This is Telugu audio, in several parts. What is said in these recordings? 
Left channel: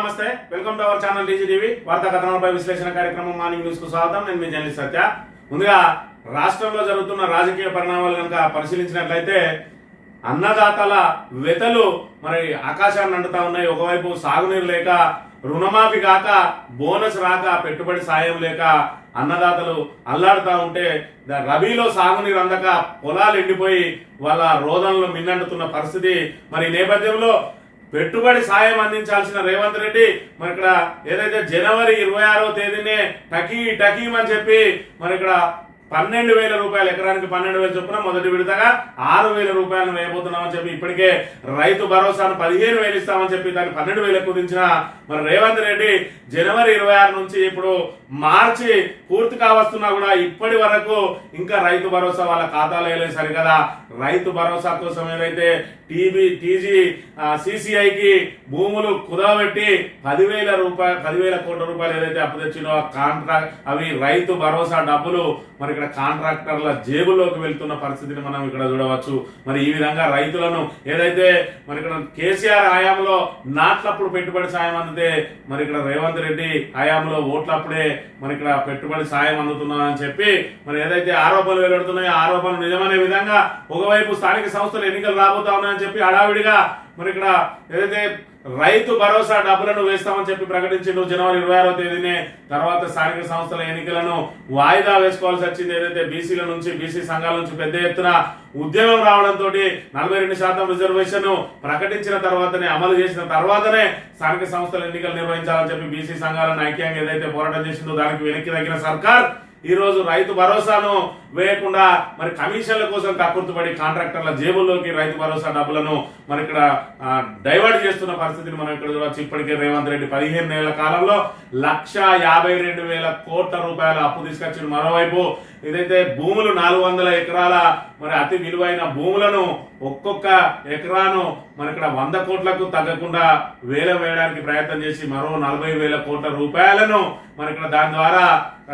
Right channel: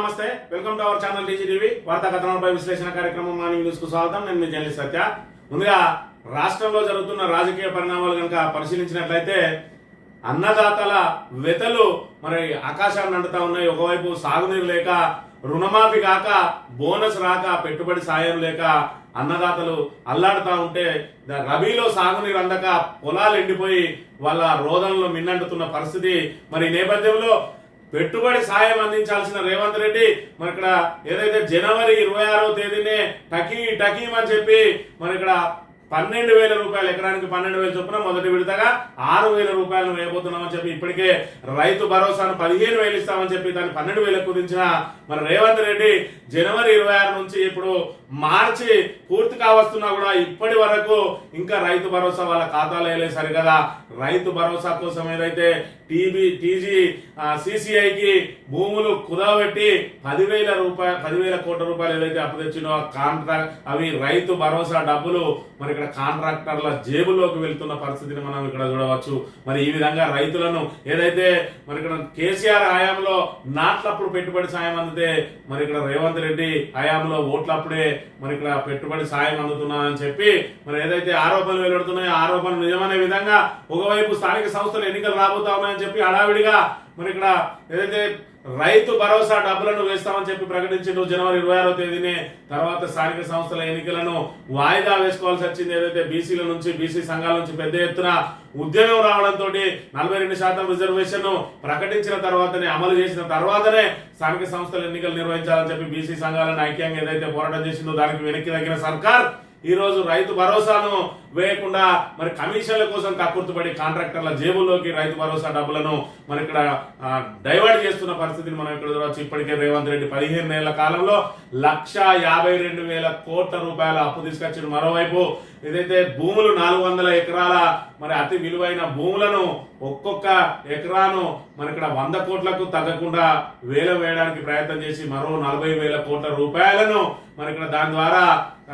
నమస్తే, welcome to our channel TGTV వార్తా కథనాలపై విశ్లేషణ కార్యక్రమం మార్నింగ్ న్యూస్ కు స్వాగతం. నేను మీ జర్నలిస్ట్ సత్య. ముందుగా రాష్ట్రంలో జరుగుతున్న రాజకీయ పరిణామాలు కనుక పరిశీలించినట్లయితే అన్నదాతల వెతలు మరి ఆకాశాన్ని అంటుతా ఉన్నాయి. ఒకవైపు సాగునీరు లేక, రుణమాఫీ కాక, బోనస్ రాక, పెట్టుబడి సాయం లేక అన్నదాతలు అల్లాడుతూ ఉంటే రబీలో సాగునీరు అందక పొలాలు ఎండిపోయి వాళ్ళ రోదనలు మిన్నంటున్న పరిస్థితి. మరి ఈ నేపథ్యంలో పెట్టుబడి సాయం అందించాల్సిన రేవంత్ రెడ్డి మరి ఇక్కడ ఏదైతే జనవరి 26వ తేదీనే టకీం అని చెప్పి మరి ఇక్కడ 12,000 రూపాయలు, ఎకరానికి 12,000 చొప్పున మొదటి విడతగా 6,000 రూపాయలు వేయబోతున్నామని చెప్పి ఇప్పటికే రైతు భరోసాను 15,000 ఇస్తామని చెప్పి దాన్ని 12,000 కుదించిన మరి రేవంత్ రెడ్డి జనవరి 26 నుంచి ఇప్పుడు మార్చి పూర్తి కావస్తున్నా కూడా ఇప్పటి వరకు ఇంకా రైతు భరోసా వాళ్ళ ఖాతాలో వేయలేదు. సరికదా రైతు భరోసా కోసం ఏదైతే సిసిఐకి భూములు కుదవబెట్టి 10,000 కోట్ల రూపాయలు ఏదైతే అప్పు తెచ్చినో కాంట్రాక్ట్ అవి రైతు భరోసా డబ్బులు మరి ఇక్కడ కాంట్రాక్టర్ల జేబులోకి వెళ్తున్న పరిస్థితిని మనం ఇక్కడ చూడవచ్చు. మరి ఈ విధంగా రైతులను ఏదైతే మరి ఇక్కడ కేసీఆర్ హయాంలో నాట్లప్పుడు పెట్టుబడి సాయం అందితే మరి ఇక్కడ రేవంత్ రెడ్డి హయాంలో ఓట్లప్పుడే మరి ఇక్కడ పెట్టుబడి సాయం అందుతున్నారని చెప్పి మరి ఏదైతే ఆరోపణలు వెలువడుతున్నాయో ఆరోపణలు నిజమనే విధంగా ఒకవైపు స్థానిక సంస్థలు ఎన్నికలు రాబోతా ఉన్నాయని చెప్పి హడావిడిగా మరి ఇక్కడ ఏదైతే రైతు భరోసా డబ్బులను వేస్తామని చెప్పి ప్రకటించిండు జనవరి 26వ తేదీనే. తర్వాత స్థానిక సంస్థల ఎన్నికలను వాయిదా వేసుకోవాల్సి వచ్చింది. ఏదైతే బీసీల నుంచి, బీసీ సంఘాల నుంచి పెద్ద ఎత్తున ఉద్యమం రావడంతో 42% రిజర్వేషన్ ప్రకటించిన తర్వాతనే, అమలు చేసిన తర్వాతనే స్థానిక సంస్థల ఎన్నికలు నిర్వహించాలని చెప్పి బీసీ సంఘాలను ఐక్యంగా ఏదైతే పోరాటం చేసిందో దానికి వెనక్కి తగ్గిన సర్కార్ ఈ రోజు రైతు భరోసాను వేయకుండా మరి కమిషన్ల కోసం కక్కుర్తుపడి కాంట్రాక్టర్ల జేబుల్లోకి రైతు భరోసా డబ్బులను మరి ఇక్కడ డైవర్ట్ చేస్తున్న పరిస్థితిని మనం ఇక్కడ చూడవచ్చు. ఇప్పటికే రేవంత్ రెడ్డి 15 నెలల కాలంలో 1,52,000 కోట్ల రూపాయల అప్పు తీసుకొచ్చిన. మరోవైపు ఏదైతే భూములు 400 ఎకరాల మరి అతి విలువైన భూములను ఒక్కొక్క ఎకరాను మరి ఇక్కడ 100 కోట్లకు తగ్గకుండా వేయడానికి ప్రయత్నం చేసి మరో 40,000 కోట్ల రూపాయలను మరి ఇక్కడ దాని ద్వారా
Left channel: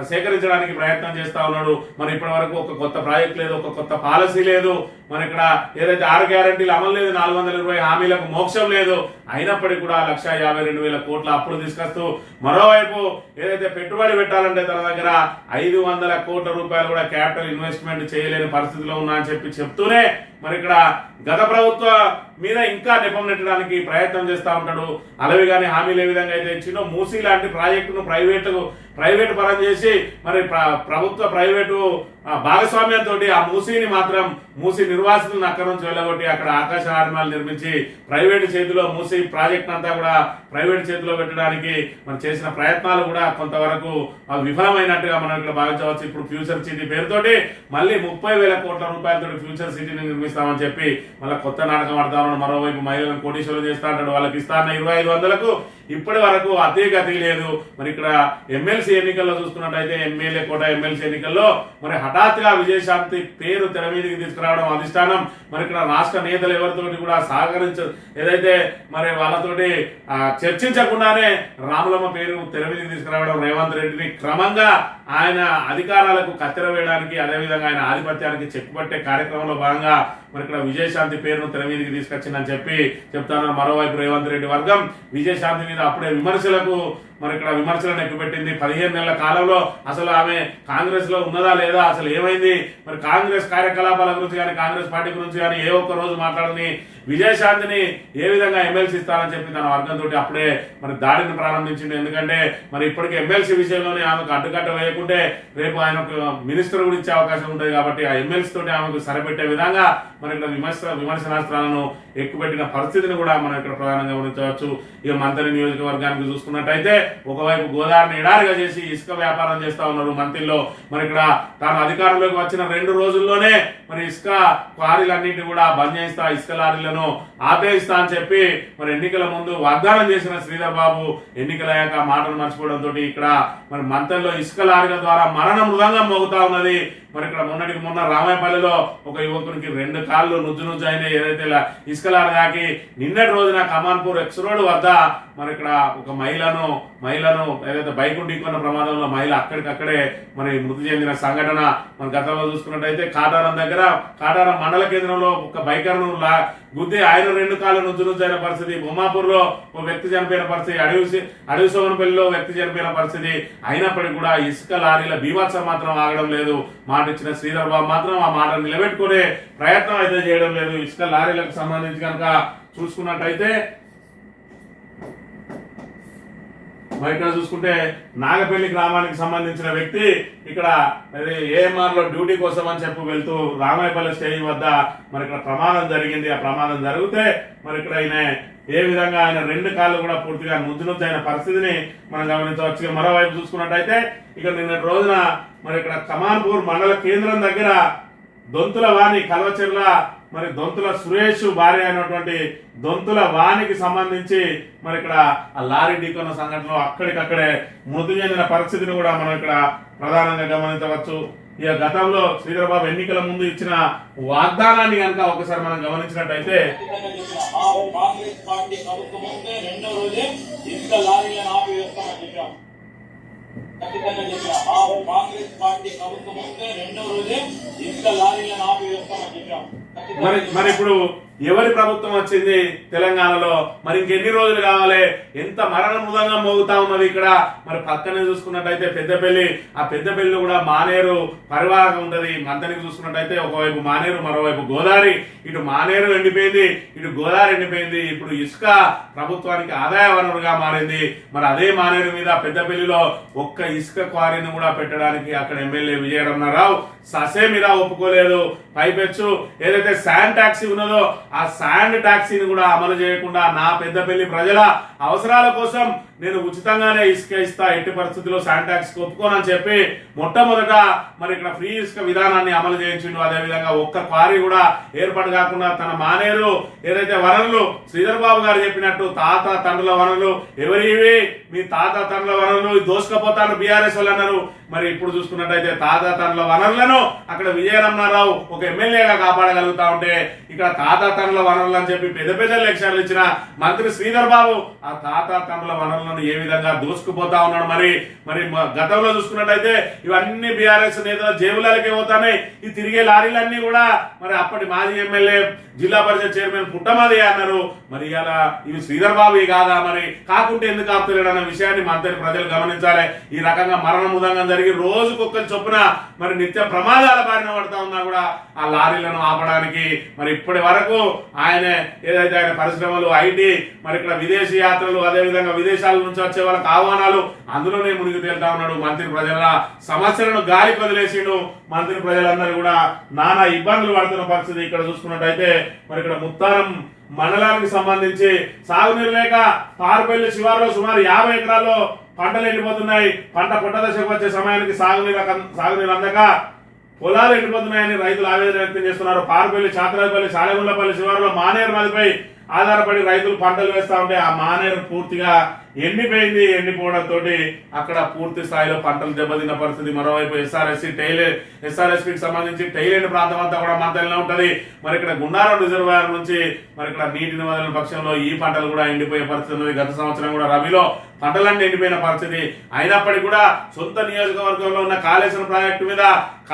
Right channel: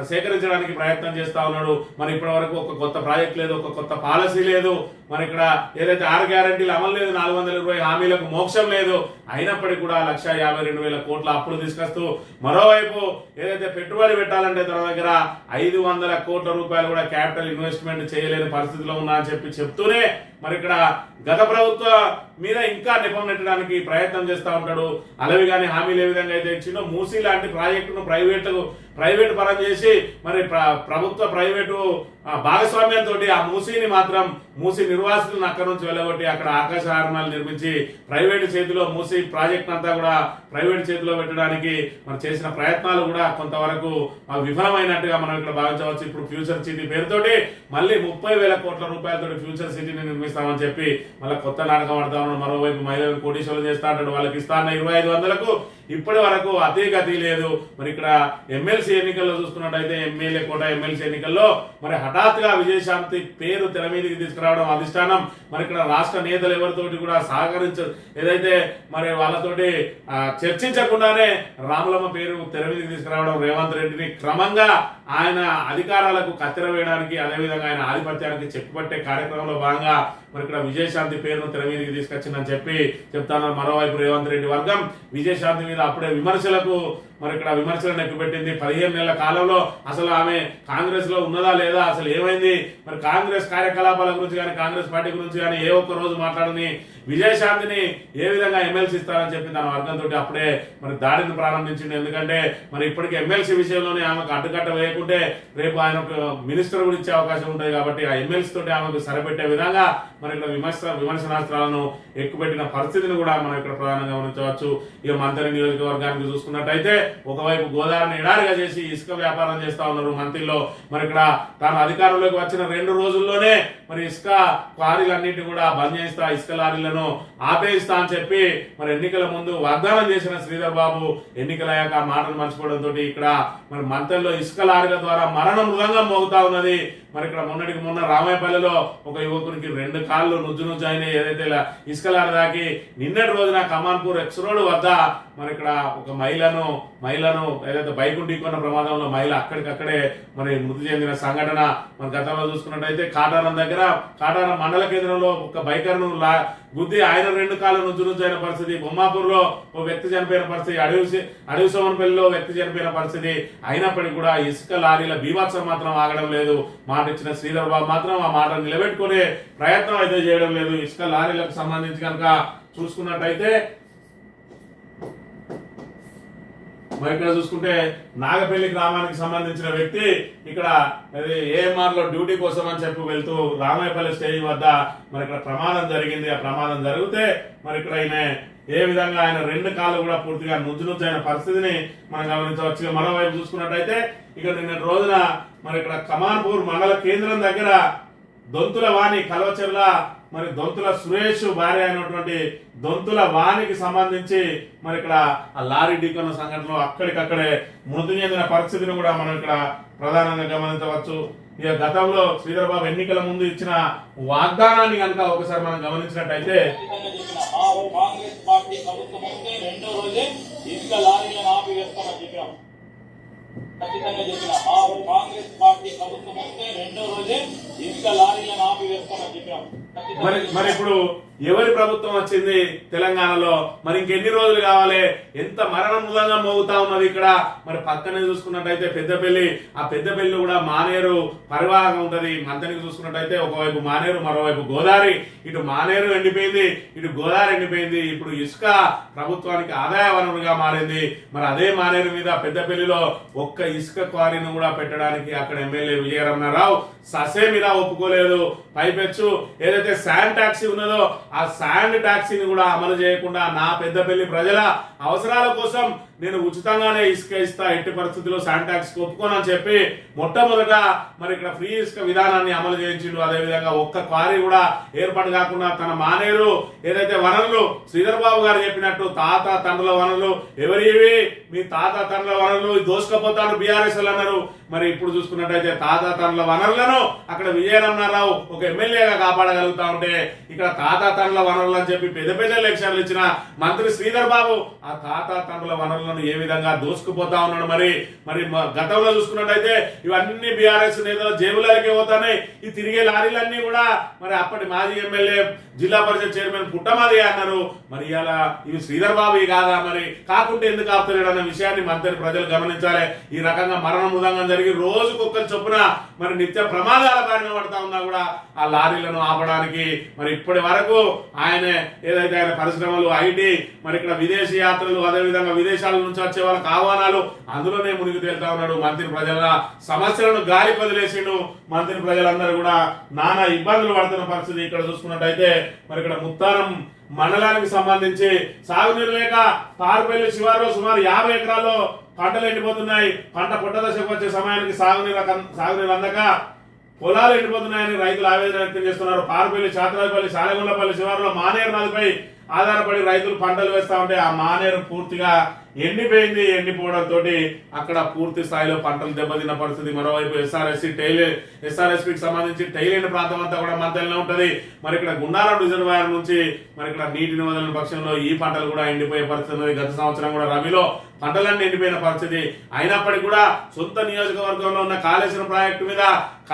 సేకరించడానికి ప్రయత్నం చేస్తా ఉన్నాడు. మరి ఇప్పటి వరకు ఒక కొత్త ప్రాజెక్ట్ లేదు, ఒక కొత్త పాలసీ లేదు. మరి ఇక్కడ ఏదైతే 6 గ్యారంటీలు అమలు లేదు, 420 హామీలకు మోక్షం లేదు. అయినప్పటికీ కూడా 1,52,000 కోట్ల అప్పులు తీసుకొస్తూ మరోవైపు ఏదైతే పెట్టుబడి పెట్టాలంటే తన దగ్గర 500 కోట్ల రూపాయలు కూడా క్యాపిటల్ ఇన్వెస్ట్మెంట్ చేయలేని పరిస్థితిలో ఉన్నా అని చెప్తూనే మరి ఇక్కడ గత ప్రభుత్వ మీద ఇంకా నెపం నెట్టడానికి ప్రయత్నం చేస్తూ ఉంటాడు. అలవి కానీ హామీలు ఏ విధంగా అయితే ఇచ్చిందో మూసీ లాంటి ప్రాజెక్టును ప్రైవేటు పరం చేసి మరి ప్రభుత్వ ప్రైవేటు భాగస్వామ్యంతో ఆ మూసీ నిర్వాసితులను అక్కడి నుంచి వెళ్ళగొట్టి అక్కడ ఆకాశ ఆర్మాలు నిర్మించి ప్రైవేటు చేతిలో మూసీ ప్రాజెక్ట్ అంతా కూడా ప్రైవేటు చేతిలో పెట్టడానికి మరి చేసిన ప్రయత్నాలు కూడా కొంతవరకు విఫలమైనట్టుగా మనం ఇక్కడ భావించవచ్చు. ఇప్పుడు ఫ్యూచర్ సిటీ పేరుతోటి మళ్ళీ 30,000 కోట్ల రూపాయలతో ఫ్యూచర్ సిటీని నిర్మిస్తామని చెప్పి మళ్ళీ కొత్త నాటకం ఆడుతా ఉన్నాడు. మరోవైపు మహిళలను కోటీశ్వరులు చేస్తా అంటాడు. వాళ్ళకి ఇస్తా అన్న 2,500కు ఇప్పటి వరకు గతి లేదు. మరి ఇక్కడ ఎమ్మెల్సీ ఎన్నికల్లో చూసుకున్నట్టయితే ఎమ్మెల్యే కోట ఎమ్మెల్సీ ఎన్నికల్లో మరి హఠాత్తుగా విజయశాంతి పేరు తెర మీదకి తీసుకురావడం అధిష్టానం మరి ఇక్కడ రాష్ట్ర నేతలు ఎవరితోటి కూడా ఏదైతే మరి వాళ్ళతోటి చర్చించకుండానే రాములమ్మ పేరు తెర మీదకి తీసుకురావడం, రేవంత్ రెడ్డిని క్రమంగా ఆయన అధికారాలకు కత్తెర వేయడానికి, అదేవిధంగా ఆయన ఆధిపత్యానికి చెక్కుపట్టే కార్యక్రమంలో భాగంగా మరి ఇక్కడ విజయశాంతి పేరును తెర మీదకి తీసుకొచ్చిందని చెప్పి చెప్తాను. మరోవైపు రేవంత్ రెడ్డి వర్గం విజయశాంతి మీద అప్పుడే మరి ఇక్కడ విమర్శలను ఎక్కుపెట్టింది. 15 నెలల కాలంలో అసలు ఆమె కాంగ్రెస్ లో ఉన్నదా లేదా, అసలు ఏమైంది, మరి కాంగ్రెస్ కార్యకలాపాల గురించి కానీ కాంగ్రెస్ పార్టీ గురించి కానీ ఏ ఒక్క రోజు మాట్లాడని విజయశాంతిని ఏ విధంగా ఎమ్మెల్సీ ఇస్తారని చెప్పి తన వర్గంతో అప్పుడే మరి దాడిని ప్రారంభించింది. ఎందుకంటే మరి ఇప్పటికీ ఎమ్మెల్సీ విషయంలోనే ఆమెకు అడ్డుకట్ట వేయకుంటే రేపు ఆయన మినిస్టర్ కూడా ఇచ్చే అవకాశం ఉంటుంది కాబట్టి ఆ ఎమ్మెల్సీ తోటి ఆమెకు సరిపెట్టే విధంగా మరి ఇక్కడ విమర్శనాస్త్రాలను ఎక్కుపెట్టిన పరిస్థితిని కూడా మనం ఇక్కడ ప్రధానంగా గమనించవచ్చు. ఇక మంత్రి నియోజకవర్గానికి చూసుకున్నట్టయితే ఒకవైపు గోదావరిని ఎడారిగా చేసి ఇసుక వ్యాపారం చేస్తా ఉన్నారు మంత్రిలో. మరి ఇక్కడ తాను అధికారంలోకి వచ్చిన 2 రోజుల్లోనే మరి ఇసుక క్వారీలన్నింటినీ కూడా బంద్ చేస్తా, ఇసుక లారీలను ఆపేస్తా అని చెప్పి మరి ఎన్నికల ముందు వాగ్దానం చేసిన శ్రీధర్ బాబు ఎన్నికలయ్యాక మాటలు మర్చిపోవడంతో ఇక్కడ మరి మంత్రిలో ఇసుక లారీల ద్వారా మరణ మృదంగం మోగుతా ఉన్నది. మరి ఇక్కడ మొన్న రామాయపల్లిలో ఒక యువకునికి 2 కాళ్ళు నుజ్జు అయినాయి. ఏదైతే ఇసుక లారీ దాకి నిన్నటి రోజున కమాన్పూర్ ఎక్స్ రోడ్ వద్ద మరి ఇక్కడ ఒక మహిళను ఏదైతే బైక్ ఢీకొన్న ప్రమాదంలో మహిళ అక్కడికక్కడే మరి మృతి చెందిన సంఘటన మన గతంలో చూసుకున్నట్టయితే కాటారం మండల కేంద్రంలో ఒక బైకర్ను గుద్ది ఆయన 2 కాళ్ళు నుజ్జునుజ్జైన పరిస్థితి, బొమ్మాపూర్లో ఓ వ్యక్తి చనిపోయిన పరిస్థితి, అడవి సోమనపల్లిలో వ్యక్తి చనిపోయిన పరిస్థితి. అయినప్పటికీ కూడా ఇసుక లారీల బీభత్సం మాత్రం ఆగడం లేదు. మాట ఇచ్చిన శ్రీధర్ బాబు మాత్రం ఆ మాట నిలబెట్టుకునే ప్రయత్నం అయితే చేయడం లేదు. ఇసుక లారీలకు సంబంధించి కనుక చూసుకున్నట్టయితే మరి ఇక్కడ చూసుకుంటే నాగపల్లి గ్రామానికి సంబంధించిన వ్యక్తి ఇక్కడ ఏఎంఆర్ లో డ్యూటీ కోసం అని చెప్పి వెళ్తూ రామాయపల్లి స్టేషన్ వద్ద మరి ఇక్కడ ప్రమాదం జరిగింది. ఆ ప్రమాదం జరిగితే మరి ఇక్కడ ఏ విధంగా ఆయన 2 కాళ్ళు కూడా పూర్తిగా నుజ్జైన పరిస్థితిని మనం గమనించవచ్చు. మరోవైపు చూసుకున్నట్టయితే ఇక్కడ నిన్నటి రోజున మరి ఇక్కడ కమాన్పూర్ మండల కేంద్రం దగ్గర దొంతుల వాణి కల్వచెర్ల మరి దొంతుల సురేష్ భార్య అయినటువంటి దొంతుల వాణికి సంబంధించి మరి ఇక్కడ ఆ లారీ ఢీకొన్న సంఘటనలో అక్కడికక్కడే మృతి చెందిన పరిస్థితిని కూడా మనం ఇక్కడ ప్రధానంగా గమనించవచ్చు. ఇక గతంలో శ్రీధర్ బాబు ఎన్నికల ముందు ఇచ్చిన వాగ్దానాన్ని కనుక ఒకసారి మనం గమనించినట్టయితే కాంగ్రెస్ పార్టీ ప్రభుత్వం వస్తే 2వ రోజే ఇసుక లారీలను ఆపివేస్తామని చెప్పాం. ఖచ్చితంగా చెప్పిన కాంగ్రెస్ పార్టీ ప్రభుత్వం వస్తే 2వ రోజే ఇసుక లారీలను ఆపివేస్తామని చెప్పాం. మరి ఇప్పుడు ఎవరి ప్రభుత్వం వచ్చింది తెలంగాణలో? మరి ఇంకెన్ని రోజులు కావాలి? ఎంత మరణ మృదంగా మోగుతా ఉన్నది ఇక్కడ. మరి పక్కనే చూసుకున్నట్టయితే పెద్దపల్లి, ఆ పెద్దపల్లి కూడా మానేరు పరివాహకం ఉంటది. మంతనికి చూసుకున్నట్టయితే ఒకవైపు మానేరు, మరోవైపు గోదావరి. ఇటు మానేరు ఎండిపోయింది, ఇటు గోదావరి ఎండిపోయింది. ఇప్పుడు ఇసుక ప్రభుత్వానికి ఆదాయ వనరుగా మారింది. మరి అదే మానేరు మీద పెద్దపల్లిలో ఒక్క ఇసుక క్వారీని కూడా పెట్టడానికి అక్కడ ఎమ్మెల్యే విజయరమణారావు ససే మీద ఒప్పుకోలేదు. పైపెచ్చు ఏదైతే శాండ్ టాక్సీ ఉన్నదో ఆ శాండ్ టాక్సీని కూడా అమలు చేయకుండా నా పెద్దపల్లి ప్రజల అవసరాల కోసం నేను ఉచితంగానే ఇసుక ఇస్తా, ఎట్టి పరిస్థితుల్లో శాండ్ టాక్సీకి ఒప్పుకోనని చెప్పి మొట్టమొదట మరి ఇక్కడ ఫ్రీ ఇసుక విధానాన్ని అమలు చేయించిండు. అదేవిధంగా ఒక్క క్వారీ కూడా ఏర్పాటు కాకుండా తన మానేరు ఏదైతే వనరులు శ్రీధర్ బాబు గారు చెప్పినట్టు తాత తండ్రుల వనరులు ఎవరివి, మీ తాత తండ్రుల వనరులు దోసుకపోతాను బీఆర్ఎస్ వాళ్ళు అన్నారు. మరి ఇప్పుడు చూసుకున్నట్టయితే తాత తండ్రుల వనరులను అక్కడ విజయరమణారావు ఒక ఎమ్మెల్యేగా కాపాడగలుగుతా ఉంటే ఇక్కడ తాత తండ్రుల వనరులు అని చెప్పి పెద్ద పెద్ద లెక్చర్లు ఇచ్చిన మంత్రి శ్రీధర్ బాబు ఆ తాత తండ్రుల వనరులను ఏ విధంగా దోసుకుపోతా ఉన్నాడు. మరి గతంలో చూసుకున్నట్టయితే ఇవన్నీ బీఆర్ఎస్ నేతల జేబులకే పోతాయి. ఈ తిరిగే లారీలన్నీ కూడా మరి అప్పటి మాజీ ఎమ్మెల్యే జిల్లా పరిషత్ చైర్మన్ పుట్టమది అన్నారు. మరి ఇలా ఇవి శ్రీధర్ బాబు కాదా? మరి కాకుంటే ఎందుకు ఆపుతలేడు అన్న విషయాన్ని మంత్రి ప్రజలు గమనించాలి. ఈ రకంగా మరణ మృదంగం జరిగి రోజుకొక్కరు చొప్పున మరి నిత్య ప్రమాదాల బారిన పడతా ఉన్నా కూడా ఆ లారీలను ఆపడానికి మరి ఇప్పటి వరకు ఏదైతే ఆయన పరిశ్రమలు, ఐటీ, మరి ఇక్కడ విదేశీ యాత్రలు, అదేవిధంగా విదేశాల నుంచి వచ్చే వాళ్ళకి ఆహ్వానాలు, అందులోనే మునిగి తేలుతా ఉన్నాడు. మంత్రి ప్రజల సమస్యలను గాలికి వదిలేసిండు. మంత్రి ప్రజలందరూ కూడా నానా ఇబ్బందులు పడుతున్న పరిస్థితి. ఇక్కడ చూసుకున్నట్టయితే మరి ఇక్కడ ముత్తారం మండలానికి సంబంధించి సాగునీరు లేక పారుపల్లి శివారులో సుమారు 50 ఎకరాల్లో పంటలు ఎండిపోతున్నాయి. పంట పొట్ట దశకు వచ్చే సమయానికి సాగునీరు అందక పొలాలు ఎండిపోతున్నాయని రైతులు ఆవేదన వ్యక్తం చేస్తున్నారు. పారుపల్లి, చాతరాయపల్లి, సాలగుండ్లపల్లి శివారులో మానేరు నదిపై ఆధారపడి రైతులు పంటలు వేస్తా ఉంటే ఆ మానేరు పూర్తిగా ఎండిపోయింది. ఎండిపోవడంతో అక్కడ పూర్తి స్థాయిలో పంటలు దెబ్బతిన్న పరిస్థితి. మరోవైపు ఎస్ఆర్ఎస్పీకి సంబంధించి టైలెండ్ ప్రాంతం అంతా కూడా మంతలినే ఉంటది. మరి ఇక్కడ గుండారం రిజర్వాయర్ నుంచి మరి ఇక్కడ నీటిని వదిలిన పక్షంలో ఈ పంటలు కూడా ఎండిపోయే పరిస్థితి ఉన్నది. గత సంవత్సరం కూడా రబీలో పంటలన్నీ ఎండిపోయిన పరిస్థితి. అయినప్పటికీ కూడా సొంత నియోజకవర్గంలో ఉన్న కాళేశ్వరం ప్రాజెక్టు మీద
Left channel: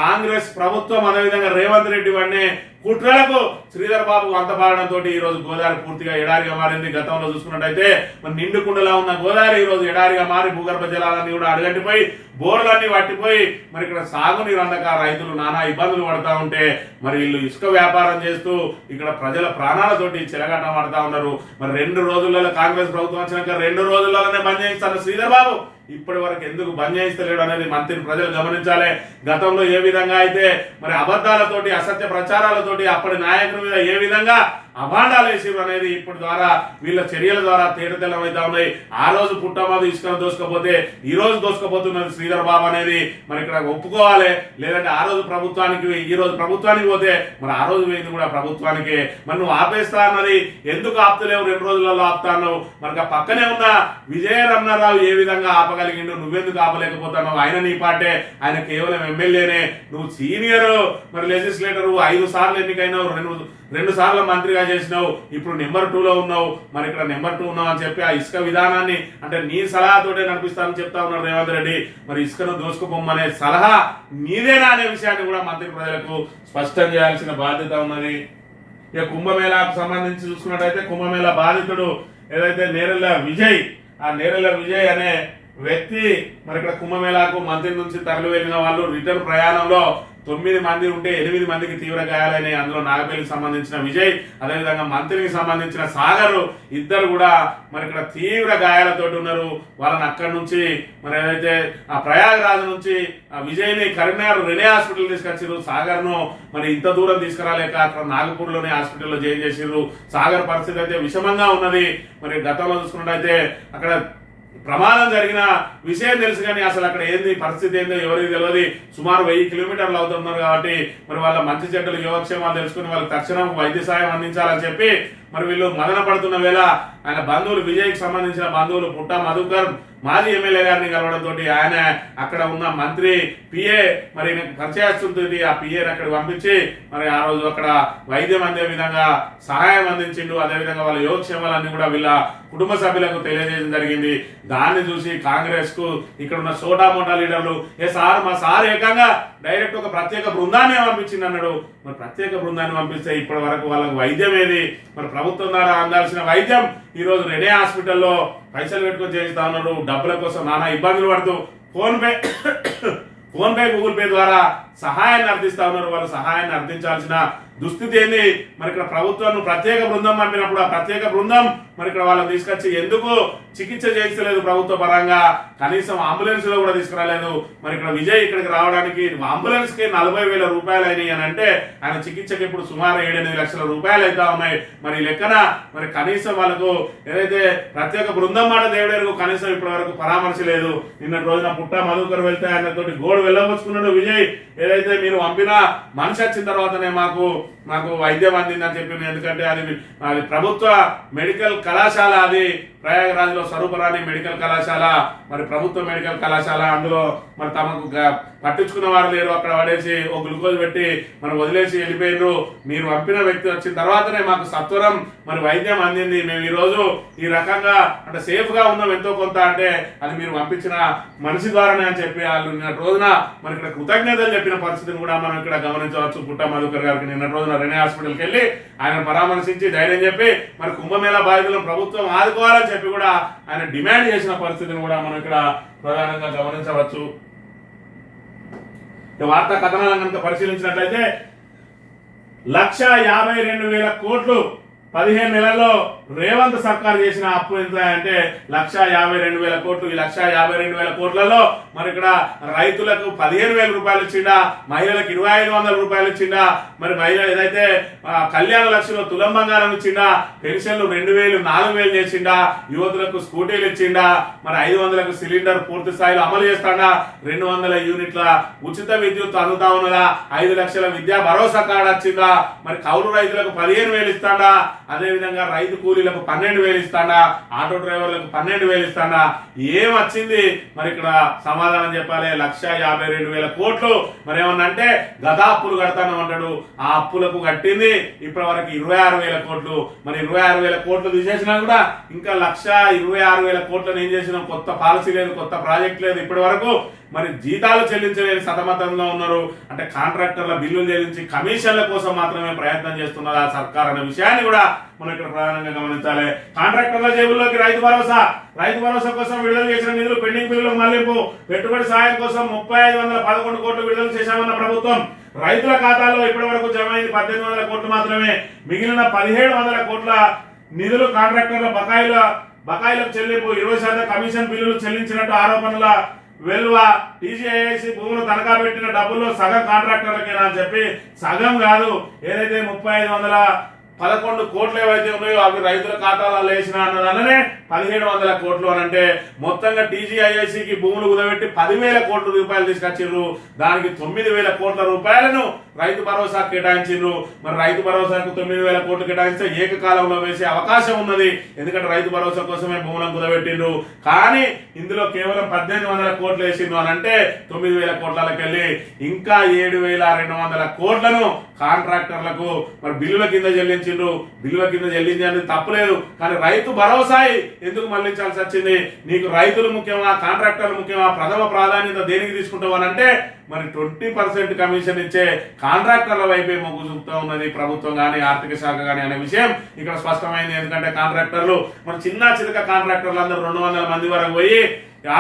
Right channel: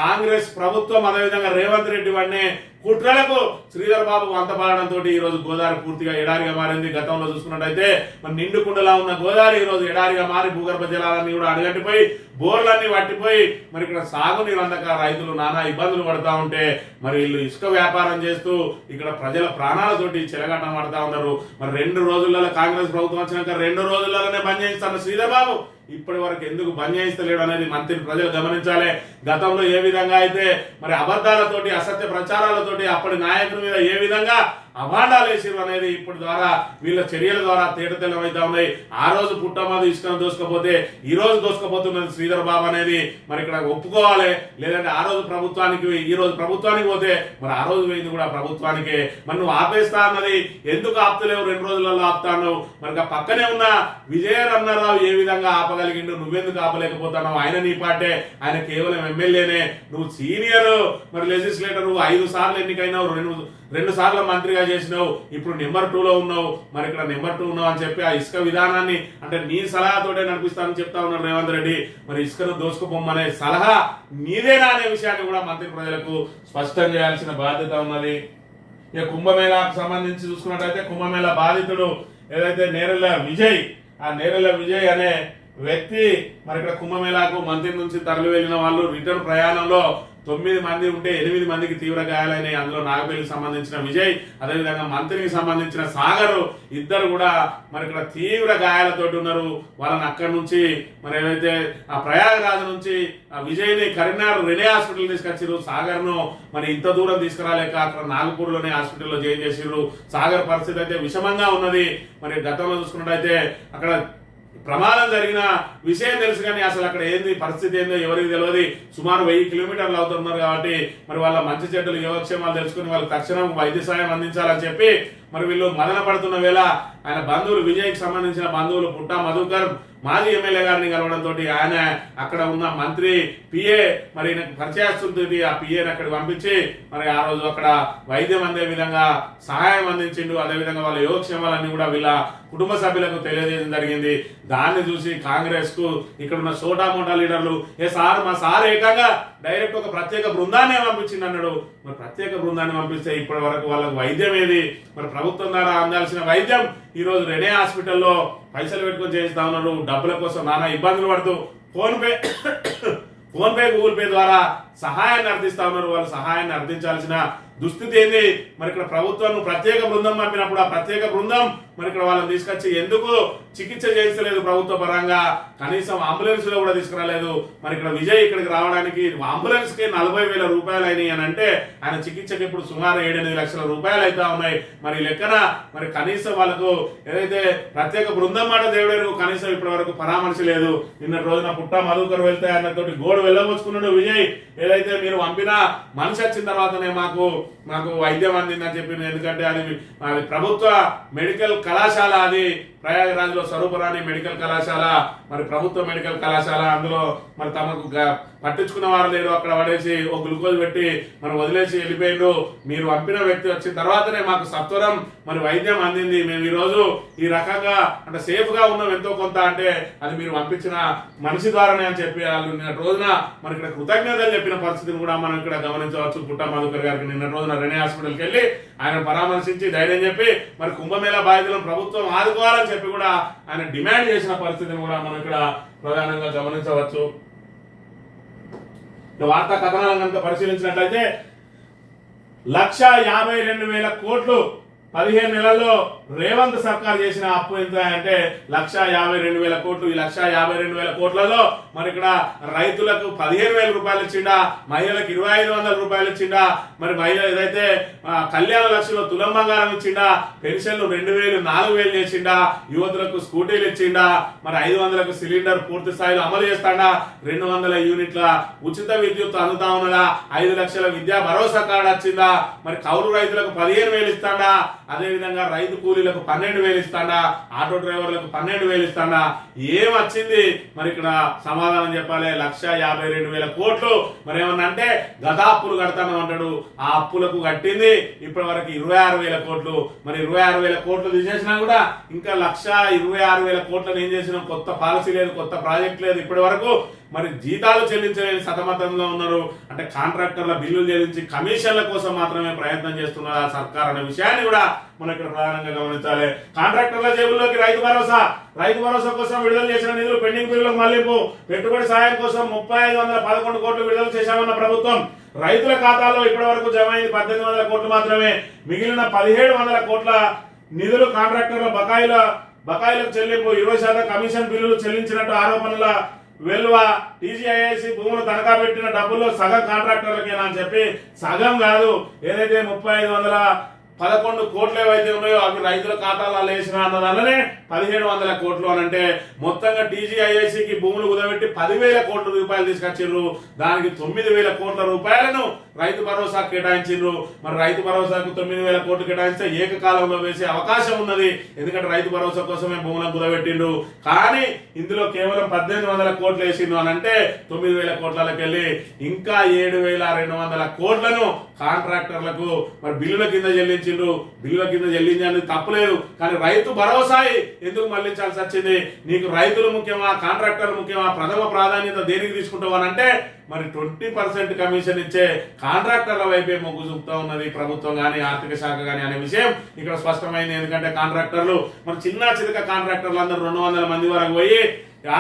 కాంగ్రెస్ ప్రభుత్వం, అదేవిధంగా రేవంత్ రెడ్డి వాడిని కుట్రలకు శ్రీధర్ బాబు వంతపాడడంతో ఈ రోజు గోదావరి పూర్తిగా ఎడారిగా మారింది. గతంలో చూసుకున్నట్టయితే మరి నిండుకుండలా ఉన్న గోదావరి ఈ రోజు ఎడారిగా మారి భూగర్భ జలాలన్నీ కూడా అడగట్టిపోయి బోర్లన్నీ పట్టిపోయి మరి ఇక్కడ సాగునీరు అందక రైతులు నానా ఇబ్బందులు పడతా ఉంటే మరి వీళ్ళు ఇసుక వ్యాపారం చేస్తూ ఇక్కడ ప్రజల ప్రాణాలతోటి చెలగాట పడతా ఉన్నారు. మరి 2 రోజులలో కాంగ్రెస్ ప్రభుత్వం వచ్చినాక 2 రోజుల్లోనే బంద్ చేయిస్తాను శ్రీధర్ బాబు ఇప్పటి వరకు ఎందుకు బంద్ చేయిస్తలేడు అనేది మంత్రిని ప్రజలు గమనించాలి. గతంలో ఏ విధంగా అయితే మరి అబద్ధాలతోటి, అసత్య ప్రచారాలతోటి అప్పటి నాయకుల మీద ఏ విధంగా అభాండాలు వేసిరు అనేది ఇప్పటి ద్వారా వీళ్ళ చర్యల ద్వారా తేటతెల్లమైతా ఉన్నాయి. ఆ రోజు పుట్టమది ఇసుకను దోసుకపోతే ఈ రోజు దోసుకపోతున్నది శ్రీధర్ బాబు అనేది మరి ఇక్కడ ఒప్పుకోవాలి. లేదంటే ఆ రోజు ప్రభుత్వానికి, ఈ రోజు ప్రభుత్వానికి పోతే మరి ఆ రోజు పోయింది కూడా ప్రభుత్వానికే. మరి నువ్వు ఆపేస్తా అన్నది ఎందుకు ఆపుతలేవు? 2 రోజులలో ఆపుతా అన్నావు. మరి పక్కనే ఉన్న విజయరమణారావు ఏ విధంగా ఆపగలిగారు? ఆపగలిగిండు, నువ్వెందుకు ఆపలేకపోతున్నావు? ఆయన నీ పార్టీ, ఆయన కేవలం ఎమ్మెల్యేనే, నువ్వు సీనియర్ మరి లెజిస్లేటర్, 5 సార్లు ఎన్నికైనావు, 2 సార్లు మంత్రిగా చేసినావు, ఇప్పుడు నెంబర్ 2లో ఉన్నావు, మరి ఇక్కడ నెంబర్ 2 ఉన్నావు అని చెప్పి ఆ ఇసుక విధానాన్ని అంటే నీ సలహాతోటే నడిపిస్తానని చెప్తా ఉన్నాడు రేవంత్ రెడ్డి. మరి ఇసుకను దోసుకుపోమనే సలహా నీదేనా అనే విషయాన్ని కూడా మంత్రి ప్రజలకు స్పష్టం చేయాల్సిన బాధ్యత ఉన్నది. ఇక కుంభమేళాకు సంబంధించి చూసుకున్నట్టయితే కుంభమేళా బాధితుడు ఏదైతే నేరెళ్ల విజయ్, ఆ నేరెళ్ల విజయ్ అనే వ్యక్తి మరి ఇక్కడ కుంభమేళాకు మంత్రి నుంచి తరలి వెళ్ళిన వాళ్ళు రిటర్న్ ప్రయాణంలో 9 మంది ఉంటే 8 మందికి తీవ్ర గాయాలైనాయి. అందులో నాగపల్లికి సంబంధించిన విజయ్, అదేవిధంగా మంత్రికి సంబంధించిన సాగర్, ఇద్దరు కూడా మరి ఇక్కడ తీవ్ర గాయాలతోటి ఉన్నారు. వాళ్ళని అక్కడి నుంచి మరి ఏదైతే ఆ ప్రయాగరాజ్ నుంచి ఆ విజయ్ని కరీంనగర్ రెనే హాస్పిటల్ తీసుకొచ్చారు. సాగర్ను మరి ఇంత దూరం తీసుకురాలేక అక్కడ నాగపూర్లోనే హాస్పిటల్లో జాయిన్ చేసిర్రు. సాగర్ పరిస్థితి అయితే విషమంగా ఉన్నది. మరి గతంలో చూసుకున్నట్టయితే అక్కడ ప్రమాదం జరిగిన విషయం తెలుసు కానీ అసలు అక్కడ ఏంది పరిస్థితి ఏందో ఎవరికి తెలియదు. సుమారు 1000 కిలోమీటర్లు అవుతున్నారు కాబట్టి మరి వాళ్ళ మంచి చెడ్డలు యోగక్షేమాలు తెలుసుకుని వాళ్ళకి తక్షణం వైద్య సాయం అందించాలని చెప్పి మరి వీళ్ళు మదన పడుతున్న వేళ ఆయన బంధువులు, విజయ్కి సంబంధించిన బంధువులు పుట్టా మధుకర్ మాజీ ఎమ్మెల్యే గారిని కలవడంతో ఆయన అక్కడ ఉన్న మంత్రి పిఏ మరి పరిచయస్తుంటుంది, ఆ పిఏని అక్కడికి పంపించి మరి ఆ రోజు అక్కడ వైద్యం అందే విధంగా సహాయం అందించిండు. అదేవిధంగా వాళ్ళ యోగక్షేమాలన్నీ కూడా వీళ్ళ కుటుంబ సభ్యులకు తెలియజేయడం జరిగింది. దాన్ని చూసి కాంగ్రెస్ కు ఇక్కడ ఉన్న సోటా మోటా లీడర్లు మా సార్ ఏకంగా డైరెక్ట్ ఒక ప్రత్యేక బృందాన్ని పంపించింది అన్నాడు. మరి ప్రత్యేక బృందాన్ని పంపిస్తే ఇప్పటి వరకు వాళ్ళకు వైద్యం ఏది? మరి ప్రభుత్వం ద్వారా అందాల్సిన వైద్యం ఈ రోజు రెనే హాస్పిటల్లో పైసలు పెట్టుకొని చేస్తా ఉన్నారు. డబ్బుల కోసం నానా ఇబ్బందులు పడుతూ ఫోన్ పే గూగుల్ పే ద్వారా సహాయాన్ని అర్థిస్తా ఉన్నారు. వాళ్ళు సహాయాన్ని అర్థించాల్సిన దుస్థితి ఏంది? మరి ఇక్కడ ప్రభుత్వం ప్రత్యేక బృందం పంపినప్పుడు ఆ ప్రత్యేక బృందం మరి ఇక్కడ వాళ్ళని తీసుకొచ్చి ఎందుకు చికిత్స చేయించలేదు ప్రభుత్వ పరంగా? కనీసం అంబులెన్స్ లో కూడా తీసుకురాలేదు. మరి ఇక్కడ విజయ్ ఇక్కడికి రావడానికి అంబులెన్స్ కి 40,000 రూపాయలు అయినాయి అని అంటే ఆయన చికిత్సకి ఇప్పుడు సుమారు 7-8 లక్షల రూపాయలు అయితే ఉన్నాయి. మరి లెక్కన మరి కనీసం వాళ్ళకు ఏదైతే ప్రత్యేక బృందం మాట దేవుడు కనీసం ఇప్పటి వరకు పరామర్శలేదు. నిన్న రోజున పుట్టా మధుకర్ వెళ్తే ఆయనతోటి గోడు వెళ్ళవచ్చుకున్నాడు విజయ్. ఏదైతే మీరు పంపిన మనిషి వచ్చిన తర్వాతనే మాకు వైద్యం అందిందని చెప్పింది. ఎందుకంటే అది ప్రభుత్వ మెడికల్ కళాశాల, అది ప్రయాగరాజ్ లో స్వరూపరాణి మెడికల్ కళాశాల, మరి ప్రభుత్వ మెడికల్ కళాశాల. అందులో మరి తమకు పట్టించుకున్న వారు లేరు. అక్కడ పడేసి ఓ గ్లూకోజ్ పెట్టి మరి వదిలేసి వెళ్ళిపోయిండ్రు. మీరు పంపిన వ్యక్తి వచ్చిన తర్వాతనే మాకు సత్వరం మరి వైద్యం అందింది. మేము ఈ రోజు ఈ రకంగా అంటే సేఫ్ గా ఉన్నాం ఎంతో కొంత, అంటే అది మీరు పంపించిన మనిషి ద్వారానే అని చెప్పి వాళ్ళు నిన్న రోజున మరి ఇక్కడ కృతజ్ఞతలు చెప్పిన పరిస్థితిని కూడా మనం ఇక్కడ గమనించవచ్చు. పుట్టా మధుకర్ గారికి నిన్న రోజున రెనే హాస్పిటల్కి వెళ్ళి ఆయన పరామర్శించి ధైర్యం చెప్పి మరి కుంభమేళా బాధితులను ప్రభుత్వం ఆదుకోవాలని చెప్పి కూడా ఆయన డిమాండ్ చేసిన పరిస్థితిని కూడా మనం ఇక్కడ ప్రధానంగా గమనించవచ్చు. వార్తా కథనాలను కనుక పరిశీలించినట్లయితే 1,52,000 కోట్లు 15 నెలల్లో రేవంత్ సర్కార్ చేసిన అప్పు ఎంత అంటే 1,52,000 కోట్లు. ఈ 1,52,000 కోట్లలో మరి ఇక్కడ రైతులకు 15,000 రూపాయలు ఇచ్చిండా, మహిళలకు 2,500 రూపాయలు ఇచ్చిండా, మరి మహిళ ఏదైతే కళ్యాణ లక్ష్యంలో తులం బంగారం ఇచ్చిండా, పెన్షన్లు 2,000 4,000 చేసిండా, యువతులకు స్కూటీలు ఇచ్చిండా, మరి 500లకు సిలిండర్ పూర్తి స్థాయిలో అమలు చేస్తాడా, 200 యూనిట్ల ఉచిత విద్యుత్ అందుతా ఉన్నదా, 5 లక్షల విద్యా భరోసా కార్డు వచ్చిందా, మరి కౌలు రైతులకు 15,000 ఇస్తాడా, అదేవిధంగా రైతు కూలీలకు 12,000 ఇస్తాడా, ఆటో డ్రైవర్లకు 12,000 ఇస్తాడా, ఏం వచ్చింది? మరి ఇక్కడ సమాధానం చెప్పాలి. 1,52,000 కోట్లు మరి ఏమన్నా అంటే గత అప్పులు కడతాను అంటాడు. ఆ అప్పులకు కట్టింది ఇప్పటి వరకు 26,000 కోట్లు. మరి 26,000 కోట్లు తీసేసినా కూడా ఇంకా 1,26,000 కోట్లను ఏం చేసినాం? కొత్త పాలసీ లేదు, కొత్త ప్రాజెక్ట్ లేదు. ఇప్పటి వరకు మరి జీతాలు చెల్లించలేని సతమతంగా ఉన్నారు. అంటే కాంట్రాక్టర్ల బిల్లులు చెల్లించి కమిషన్ల కోసం మాత్రమే ప్రయత్నం చేస్తున్నారు ఆ సర్కార్ అనే విషయాన్ని కూడా మనం ఇక్కడ ప్రధానంగా గమనించాలి. కాంట్రాక్టర్ల జేబుల్లోకి రైతు భరోసా కోసం విడుదల చేసిన నిధులు పెండింగ్ బిల్లులకు మళ్లింపు, పెట్టుబడి సాయం కోసం 3,511 కోట్లు విడుదల చేశామన్న ప్రభుత్వం. రైతుల ఖాతాల్లో ఇప్పటి వరకు జమ అయింది 1,800 కోట్లు మాత్రమే. మిగిలిన 1,700 కోట్ల నిధులు కాంట్రాక్టర్ల బకాయిలకు చెల్లింపు, 20% కమిషన్ బిల్లులు చెల్లించినట్టు ఆరోపణల వెలువ. టీజీఐఐసి భూములు తనఖా పెట్టిన డబ్బుల్లో సగం కాంట్రాక్టర్లకేనా అని చెప్పి, సగం కాదు, ఏదైతే 3,511 11 కోట్లు ఏవైతే ఉన్నాయో అవి రైతుల ఖాతాలలో వేసిన అన్నదాననే 1700 కోట్లు అని అంటే మొత్తంగా టీజీఐఐసికి భూములు కుదబెట్టి 10,000 కోట్ల రూపాయలు తీసుకొచ్చిర్రు. దానికి 9,000 కోట్ల రూపాయలను రైతు భరోసా కేటాయించిండ్రు. మరి రైతు భరోసాకు 9,000 కోట్లు కేటాయిస్తే ఏకకాలంలో వేసే అవకాశం ఉన్నది. ఎందుకంటే రైతు భరోసా కోసమే భూములను కుదబెట్టిండ్రు. కానీ ఇందులో కేవలం 1,800 కోట్లు వేసిండ్రు అని అంటే 9,000 కోట్లకి వెళ్ళి ఇంకా 7,200 కోట్లను కాంట్రాక్టర్లకు మరి బిల్లుల కింద చెల్లించిండ్రు. బిల్లుల కింద చెల్లించడానికి తప్పలేదు. కానీ రైతు భరోసా ఎందుకు మళ్లించాల్సి వచ్చింది? నీకు రైతులు ముఖ్యమా, కాంట్రాక్టర్లు ముఖ్యమా, ప్రథమ ప్రాధాన్యత దేనికి తీసుకుంటావు అని అంటే మరి 20% కమిషన్ ఇచ్చే కాంట్రాక్టర్ల వైపే మొగ్గు చూపుతూ ఉన్నది ప్రభుత్వం కానీ ఆర్థిక శాఖ కానీ అనే విషయం ఇక్కడ స్పష్టమైంది. ఎందుకంటే కాంట్రాక్టర్లు మరి చిన్న చితక కాంట్రాక్టర్లు అందరూ 200 మంది వరకు పోయి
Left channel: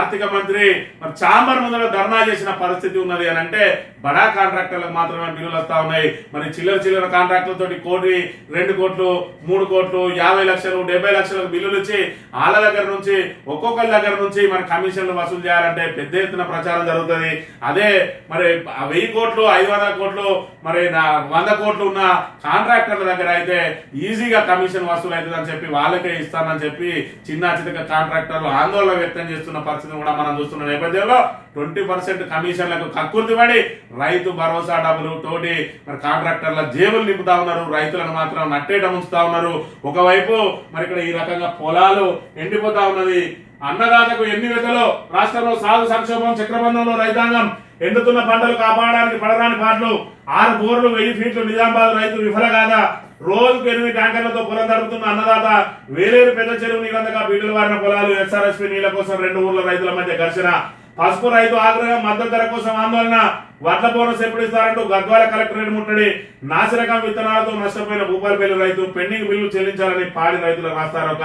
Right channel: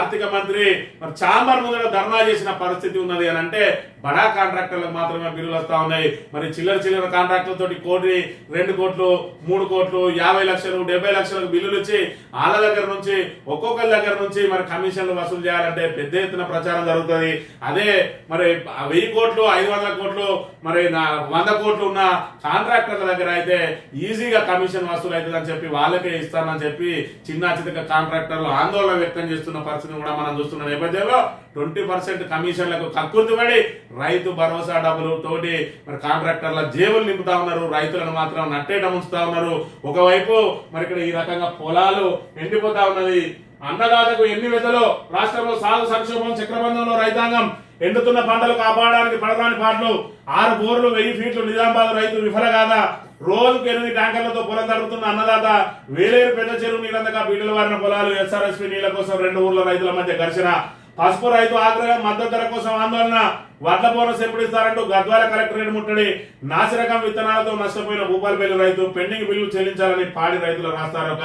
ఆర్థిక మంత్రి మరి చాంబర్ ముందర ధర్నా చేసిన పరిస్థితి ఉన్నది అని అంటే బడా కాంట్రాక్టర్లకు మాత్రమే బిల్లులు వస్తా ఉన్నాయి. మరి చిల్లర కాంట్రాక్టర్లతో 1 కోటి 2 కోట్లు 3 కోట్లు 50 లక్షలు 70 లక్షలకు బిల్లులు ఇచ్చి వాళ్ళ దగ్గర నుంచి ఒక్కొక్కరి దగ్గర నుంచి మరి కమిషన్లు వసూలు చేయాలంటే పెద్ద ఎత్తున ప్రచారం జరుగుతుంది. అదే మరి 1000 కోట్లు 500 కోట్లు మరి 100 కోట్లు ఉన్న కాంట్రాక్టర్ల దగ్గర అయితే ఈజీగా కమిషన్ వసూలు అవుతుంది అని చెప్పి వాళ్ళకే ఇస్తానని చెప్పి చిన్న చితక కాంట్రాక్టర్లు ఆందోళన వ్యక్తం చేస్తున్న పరిస్థితిని కూడా మనం చూస్తున్న నేపథ్యంలో 20% కమిషన్లకు కక్కుర్తిపడి రైతు భరోసా డబ్బులు తోటి మరి కాంట్రాక్టర్ల జేబులు నింపుతా ఉన్నారు. రైతులను మాత్రం నట్టేట ఉంచుతా ఉన్నారు. ఒకవైపు మరి ఇక్కడ ఈ రకంగా పొలాలు ఎండిపోతా ఉన్నది. అన్నదాతకు ఎన్ని విధలో రాష్ట్రంలో సాగు సంక్షోభం చక్రబంధంలో రైతాంగం ఎండుతున్న పంటలు కాపాడడానికి పడరాని పాటలు 6 బోర్లు 1000 ఫీట్లు నిజామాబాద్ రైతు విఫల కాదా? రోజుకు 8 ట్యాంకర్లతో పొలం తడుపుతున్న అన్నదాత వేలేరు పెద్ద చెరువు నీళ్ళందగా బీటలు వారిన పొలాలు ఎస్ఆర్ఎస్పీ నీళ్ల కోసం 2 ఊర్ల రైతుల మధ్య ఘర్షణ పసుపు రైతు ఆగ్రహం మద్దతు ధర కోసం ఆందోళన వడ్ల బోనస్ ఎప్పుడు ఇస్తారంటూ గద్వాల కలెక్టరేట్ ముట్టడి నాసిరకం విత్తనాలతో నష్టపోయిన భూపాలపల్లి రైతు పెండింగ్ బిల్లు చెల్లించాలని పాడి రైతులకు రాస్తారొక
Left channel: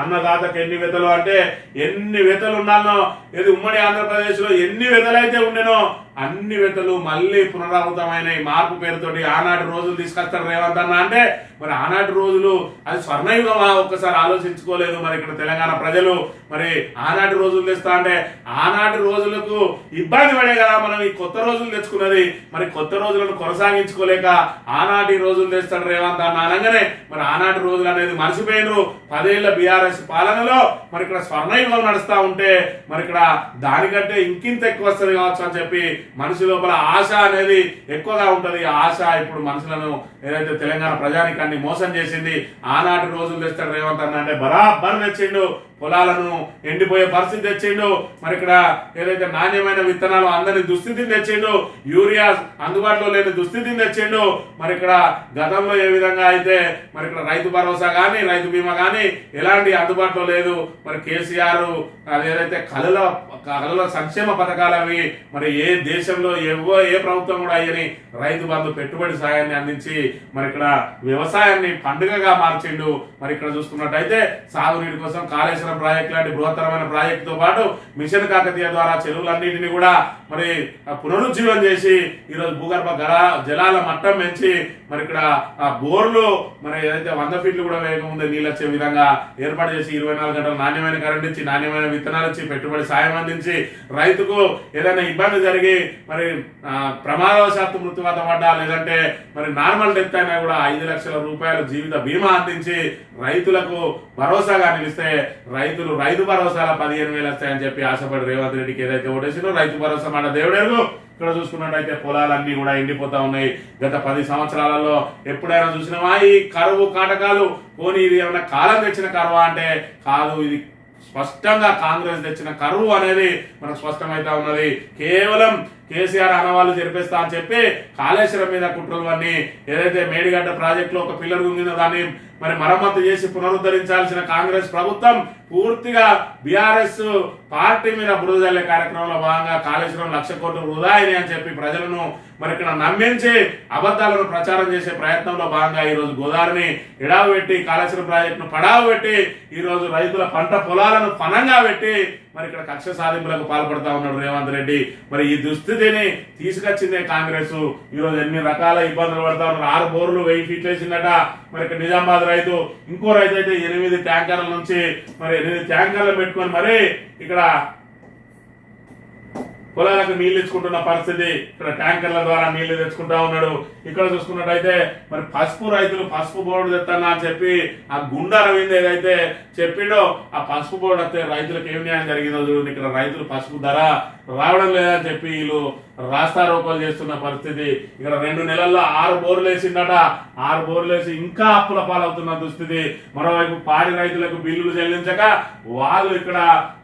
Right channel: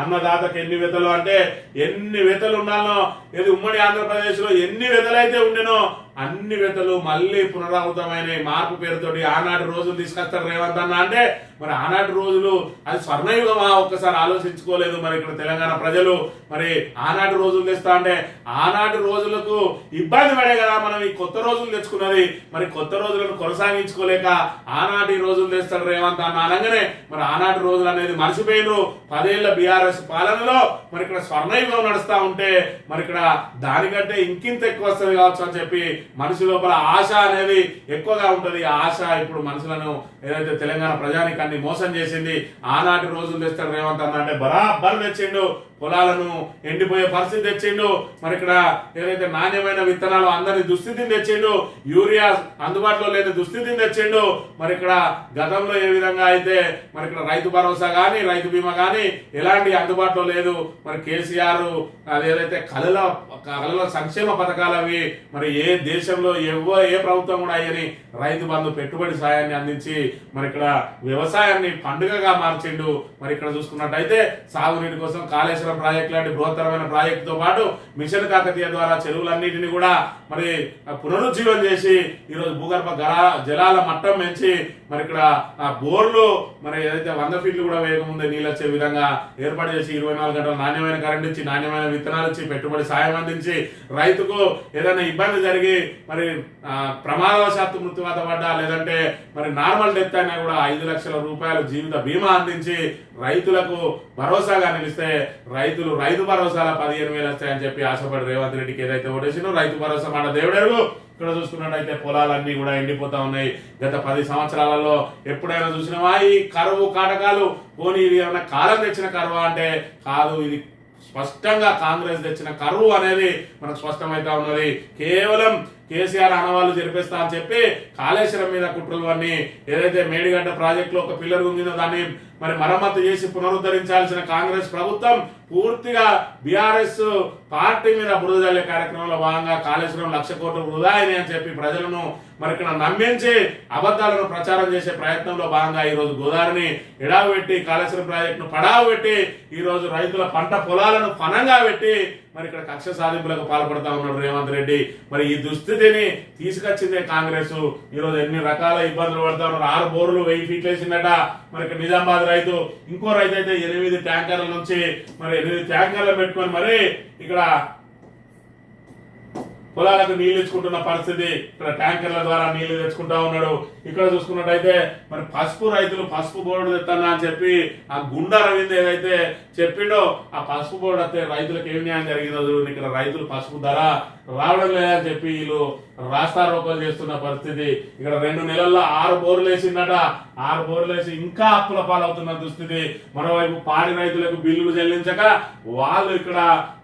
అన్నదాతకు ఎన్ని వెతలు అంటే ఎన్ని వెతలు ఉండాలనో ఇది ఉమ్మడి ఆంధ్రప్రదేశ్ లో ఎన్ని వెతలైతే ఉండేనో అన్ని వెతలు మళ్ళీ పునరావృతమైన మార్పు పేరుతోటి ఆనాటి రోజులు తీసుకొస్తారు రేవంత్ అన్న అంటే మరి ఆనాటి రోజులు అది స్వర్ణయుగమా ఒక్కసారి ఆలోచించుకోలేదు మరి ఇక్కడ తెలంగాణ ప్రజలు. మరి ఆనాటి రోజులు తెస్తా అంటే ఆనాటి రోజులకు ఇబ్బంది పడే కదా మనం ఈ కొత్త రోజులు తెచ్చుకున్నది. మరి కొత్త రోజులను కొనసాగించుకోలేక ఆనాటి రోజులు తెస్తాడు రేవంత్ అన్న అనగానే మరి ఆనాటి రోజులు అనేది మర్చిపోయినరు. 10 ఏళ్ల బీఆర్ఎస్ పాలనలో మరి ఇక్కడ స్వర్ణయుగం నడుస్తా ఉంటే మరి ఇక్కడ దానికంటే ఇంకింత ఎక్కువ వస్తుంది కావచ్చు అని చెప్పి మనిషి లోపల ఆశ అనేది ఎక్కువగా ఉంటది. ఆ ఆశ ఇప్పుడు మనుషులను ఏదైతే తెలంగాణ ప్రజానికాన్ని మోసం చేసింది. ఆనాటి రోజులు తెస్తాడు రేవంత్ అన్న అంటే బరాబర్ తెచ్చిండు. పొలాలను ఎండిపోయే పరిస్థితి తెచ్చిండు. మరి ఇక్కడ ఏదైతే నాణ్యమైన విత్తనాలు అందరి దుస్థితిని తెచ్చిండు. యూరియా అందుబాటులో లేని దుస్థితిని తెచ్చిండు. మరి ఇక్కడ గతంలో ఏ విధంగా అయితే మరి ఇక్కడ రైతు భరోసా కానీ రైతు బీమా కానీ ఎలాంటి అందుబాటులో లేదు. మరి కేసీఆర్ అదేదైతే కళల సంక్షేమ పథకాలు అవి మరి ఏ దేశంలో ఏ ప్రభుత్వం కూడా అయ్యని రైతు బంధు పెట్టుబడి సాయాన్ని అందించి మరి ఇక్కడ వ్యవసాయాన్ని పండుగగా మార్చిండు. మరి ఇక్కడ చూసుకున్నట్టయితే సాగునీటి కోసం కాళేశ్వరం ప్రాజెక్ట్ లాంటి బృహత్తరమైన ప్రాజెక్ట్ తో పాటు మిషన్ కాకతీయ ద్వారా చెరువులన్నింటినీ కూడా మరి పునరుజ్జీవం చేసి ఈరోజు భూగర్భ జలాల మట్టం పెంచి మరి ఇక్కడ ఆ బోర్లు మరి ఏదైతే 100 ఫీట్లు కూడా వేగం ఉంది నీళ్ళు వచ్చే విధంగా ఏర్పాటు చేసి 24 గంటలు నాణ్యమైన కరెంట్ ఇచ్చి నాణ్యమైన విత్తనాలు ఇచ్చి పెట్టుబడి సాయం అందించి రైతుకు ఏదైనా ఇబ్బంది జరిగి మరి ప్రమాదవశాత్తు మృత్యువాత పడ్డా లేదంటే మరి నార్మల్ డెత్ అయినా కూడా 5 లక్షల రూపాయలు జీవిత బీమా అందించి రైతులకు భరోసాగా నిలిస్తే రైతులు రైతు భరోసాల 15,000 వస్తాయని చెప్పి ఆశపడి రేవంత్ రెడ్డికి ఏదైతే ఓటేసినో రైతు భరోసా మాట దేవుడేరు. ఇక్కడ చూసుకున్నట్టయితే పొలాలన్నీ కూడా ఎండిపోతా ఉన్నాయి. గత 10 సంవత్సరాలలో ఎప్పుడైనా చూసినావా ఈ కరువు కాటకాలు? పోనీ ఇది ఏమన్నా కాలం తెచ్చిన కరువా అంటే కాదు, ఇది స్పష్టంగా కాంగ్రెస్ తెచ్చిన కరువు అనేది మనకు స్పష్టమైతా ఉన్నది. కేవలం కేసీఆర్ అనవాళ్ళు జరిపిస్తా అని చెప్పి కాళేశ్వరం మీద కుట్రలు అన్ని ఏదైతే మేడిగడ్డ ప్రాజెక్టులో ఒక పిల్లర్ ఉందో దాన్ని మరి మరమ్మతు చేసి పునరుద్ధరించాల్సిన కాంగ్రెస్ ప్రభుత్వం పూర్తిగా బీఆర్ఎస్ పార్టీ మీద బురద జల్లే కార్యక్రమంలో భాగంగా కాళేశ్వరం 1,00,000 కోట్లు వృధా అయినాయి అని చెప్పి ప్రజలను మరి ఇక్కడ నమ్మించి అబద్ధాలను ప్రచారం చేసే ప్రయత్నంలో భాగంగా ఈ రోజు గోదావరిని ఎడావు పెట్టి కాళేశ్వరం ప్రాజెక్టును పడావు పెట్టి ఈ రోజు రైతుల పంట పొలాలను పనంగా పెట్టి మరి ఇక్కడ కక్ష సాధింపులకు పాల్పడతా ఉన్నాడు రేవంత్ రెడ్డి. మరి ఈ దుస్థితిని తీసుకొచ్చిందే కాంగ్రెస్. ఈ రోజు ఎన్ని రకాల ఇబ్బందులు పడతా ఉన్నారు. 6 బోర్లు 1000 ఫీట్లు వేసిందట. మరి ఇక్కడ నిజామాబాద్ రైతు ఇంకో రైతు అయితే 8 ట్యాంకర్ల నుంచి మరి 8 ట్యాంకర్లు పెట్టుకొని మరి ఇక్కడ పొలాలకు నీళ్లు ఇచ్చుకుంటున్న పరిస్థితి. ఇక్కడ ట్యాంకర్ల ద్వారా నీళ్లు తెచ్చుకుంటా ఉన్నాడు. ఇక్కడ చూసుకున్నట్టయితే మరి పసుపు రైతులు పసుపు బోర్డు తెస్తానా అని చెప్పి ఆ గుండా రవీంద్ర ఏదైతే చెప్పిండో ఆ పసుపు బోర్డు వస్తే రైతులకు ఏం న్యాయం జరిగిందో చూడండి. ఇక్కడ రైతులు పసుపు ధర రావడం లేదని చెప్పి వీళ్ళు రాస్తారోకోలు చేస్తున్న పరిస్థితి. ఇక్కడ 2 నెలల్లో 6 బోర్లు వేసిందట. 6 బోర్లు వేసి ఇంకా అప్పుల పాలవుతున్న దుస్థితి. మరోవైపు పాడి రైతులకు బిల్లులు చెల్లించక వాళ్ళు ఇక్కడ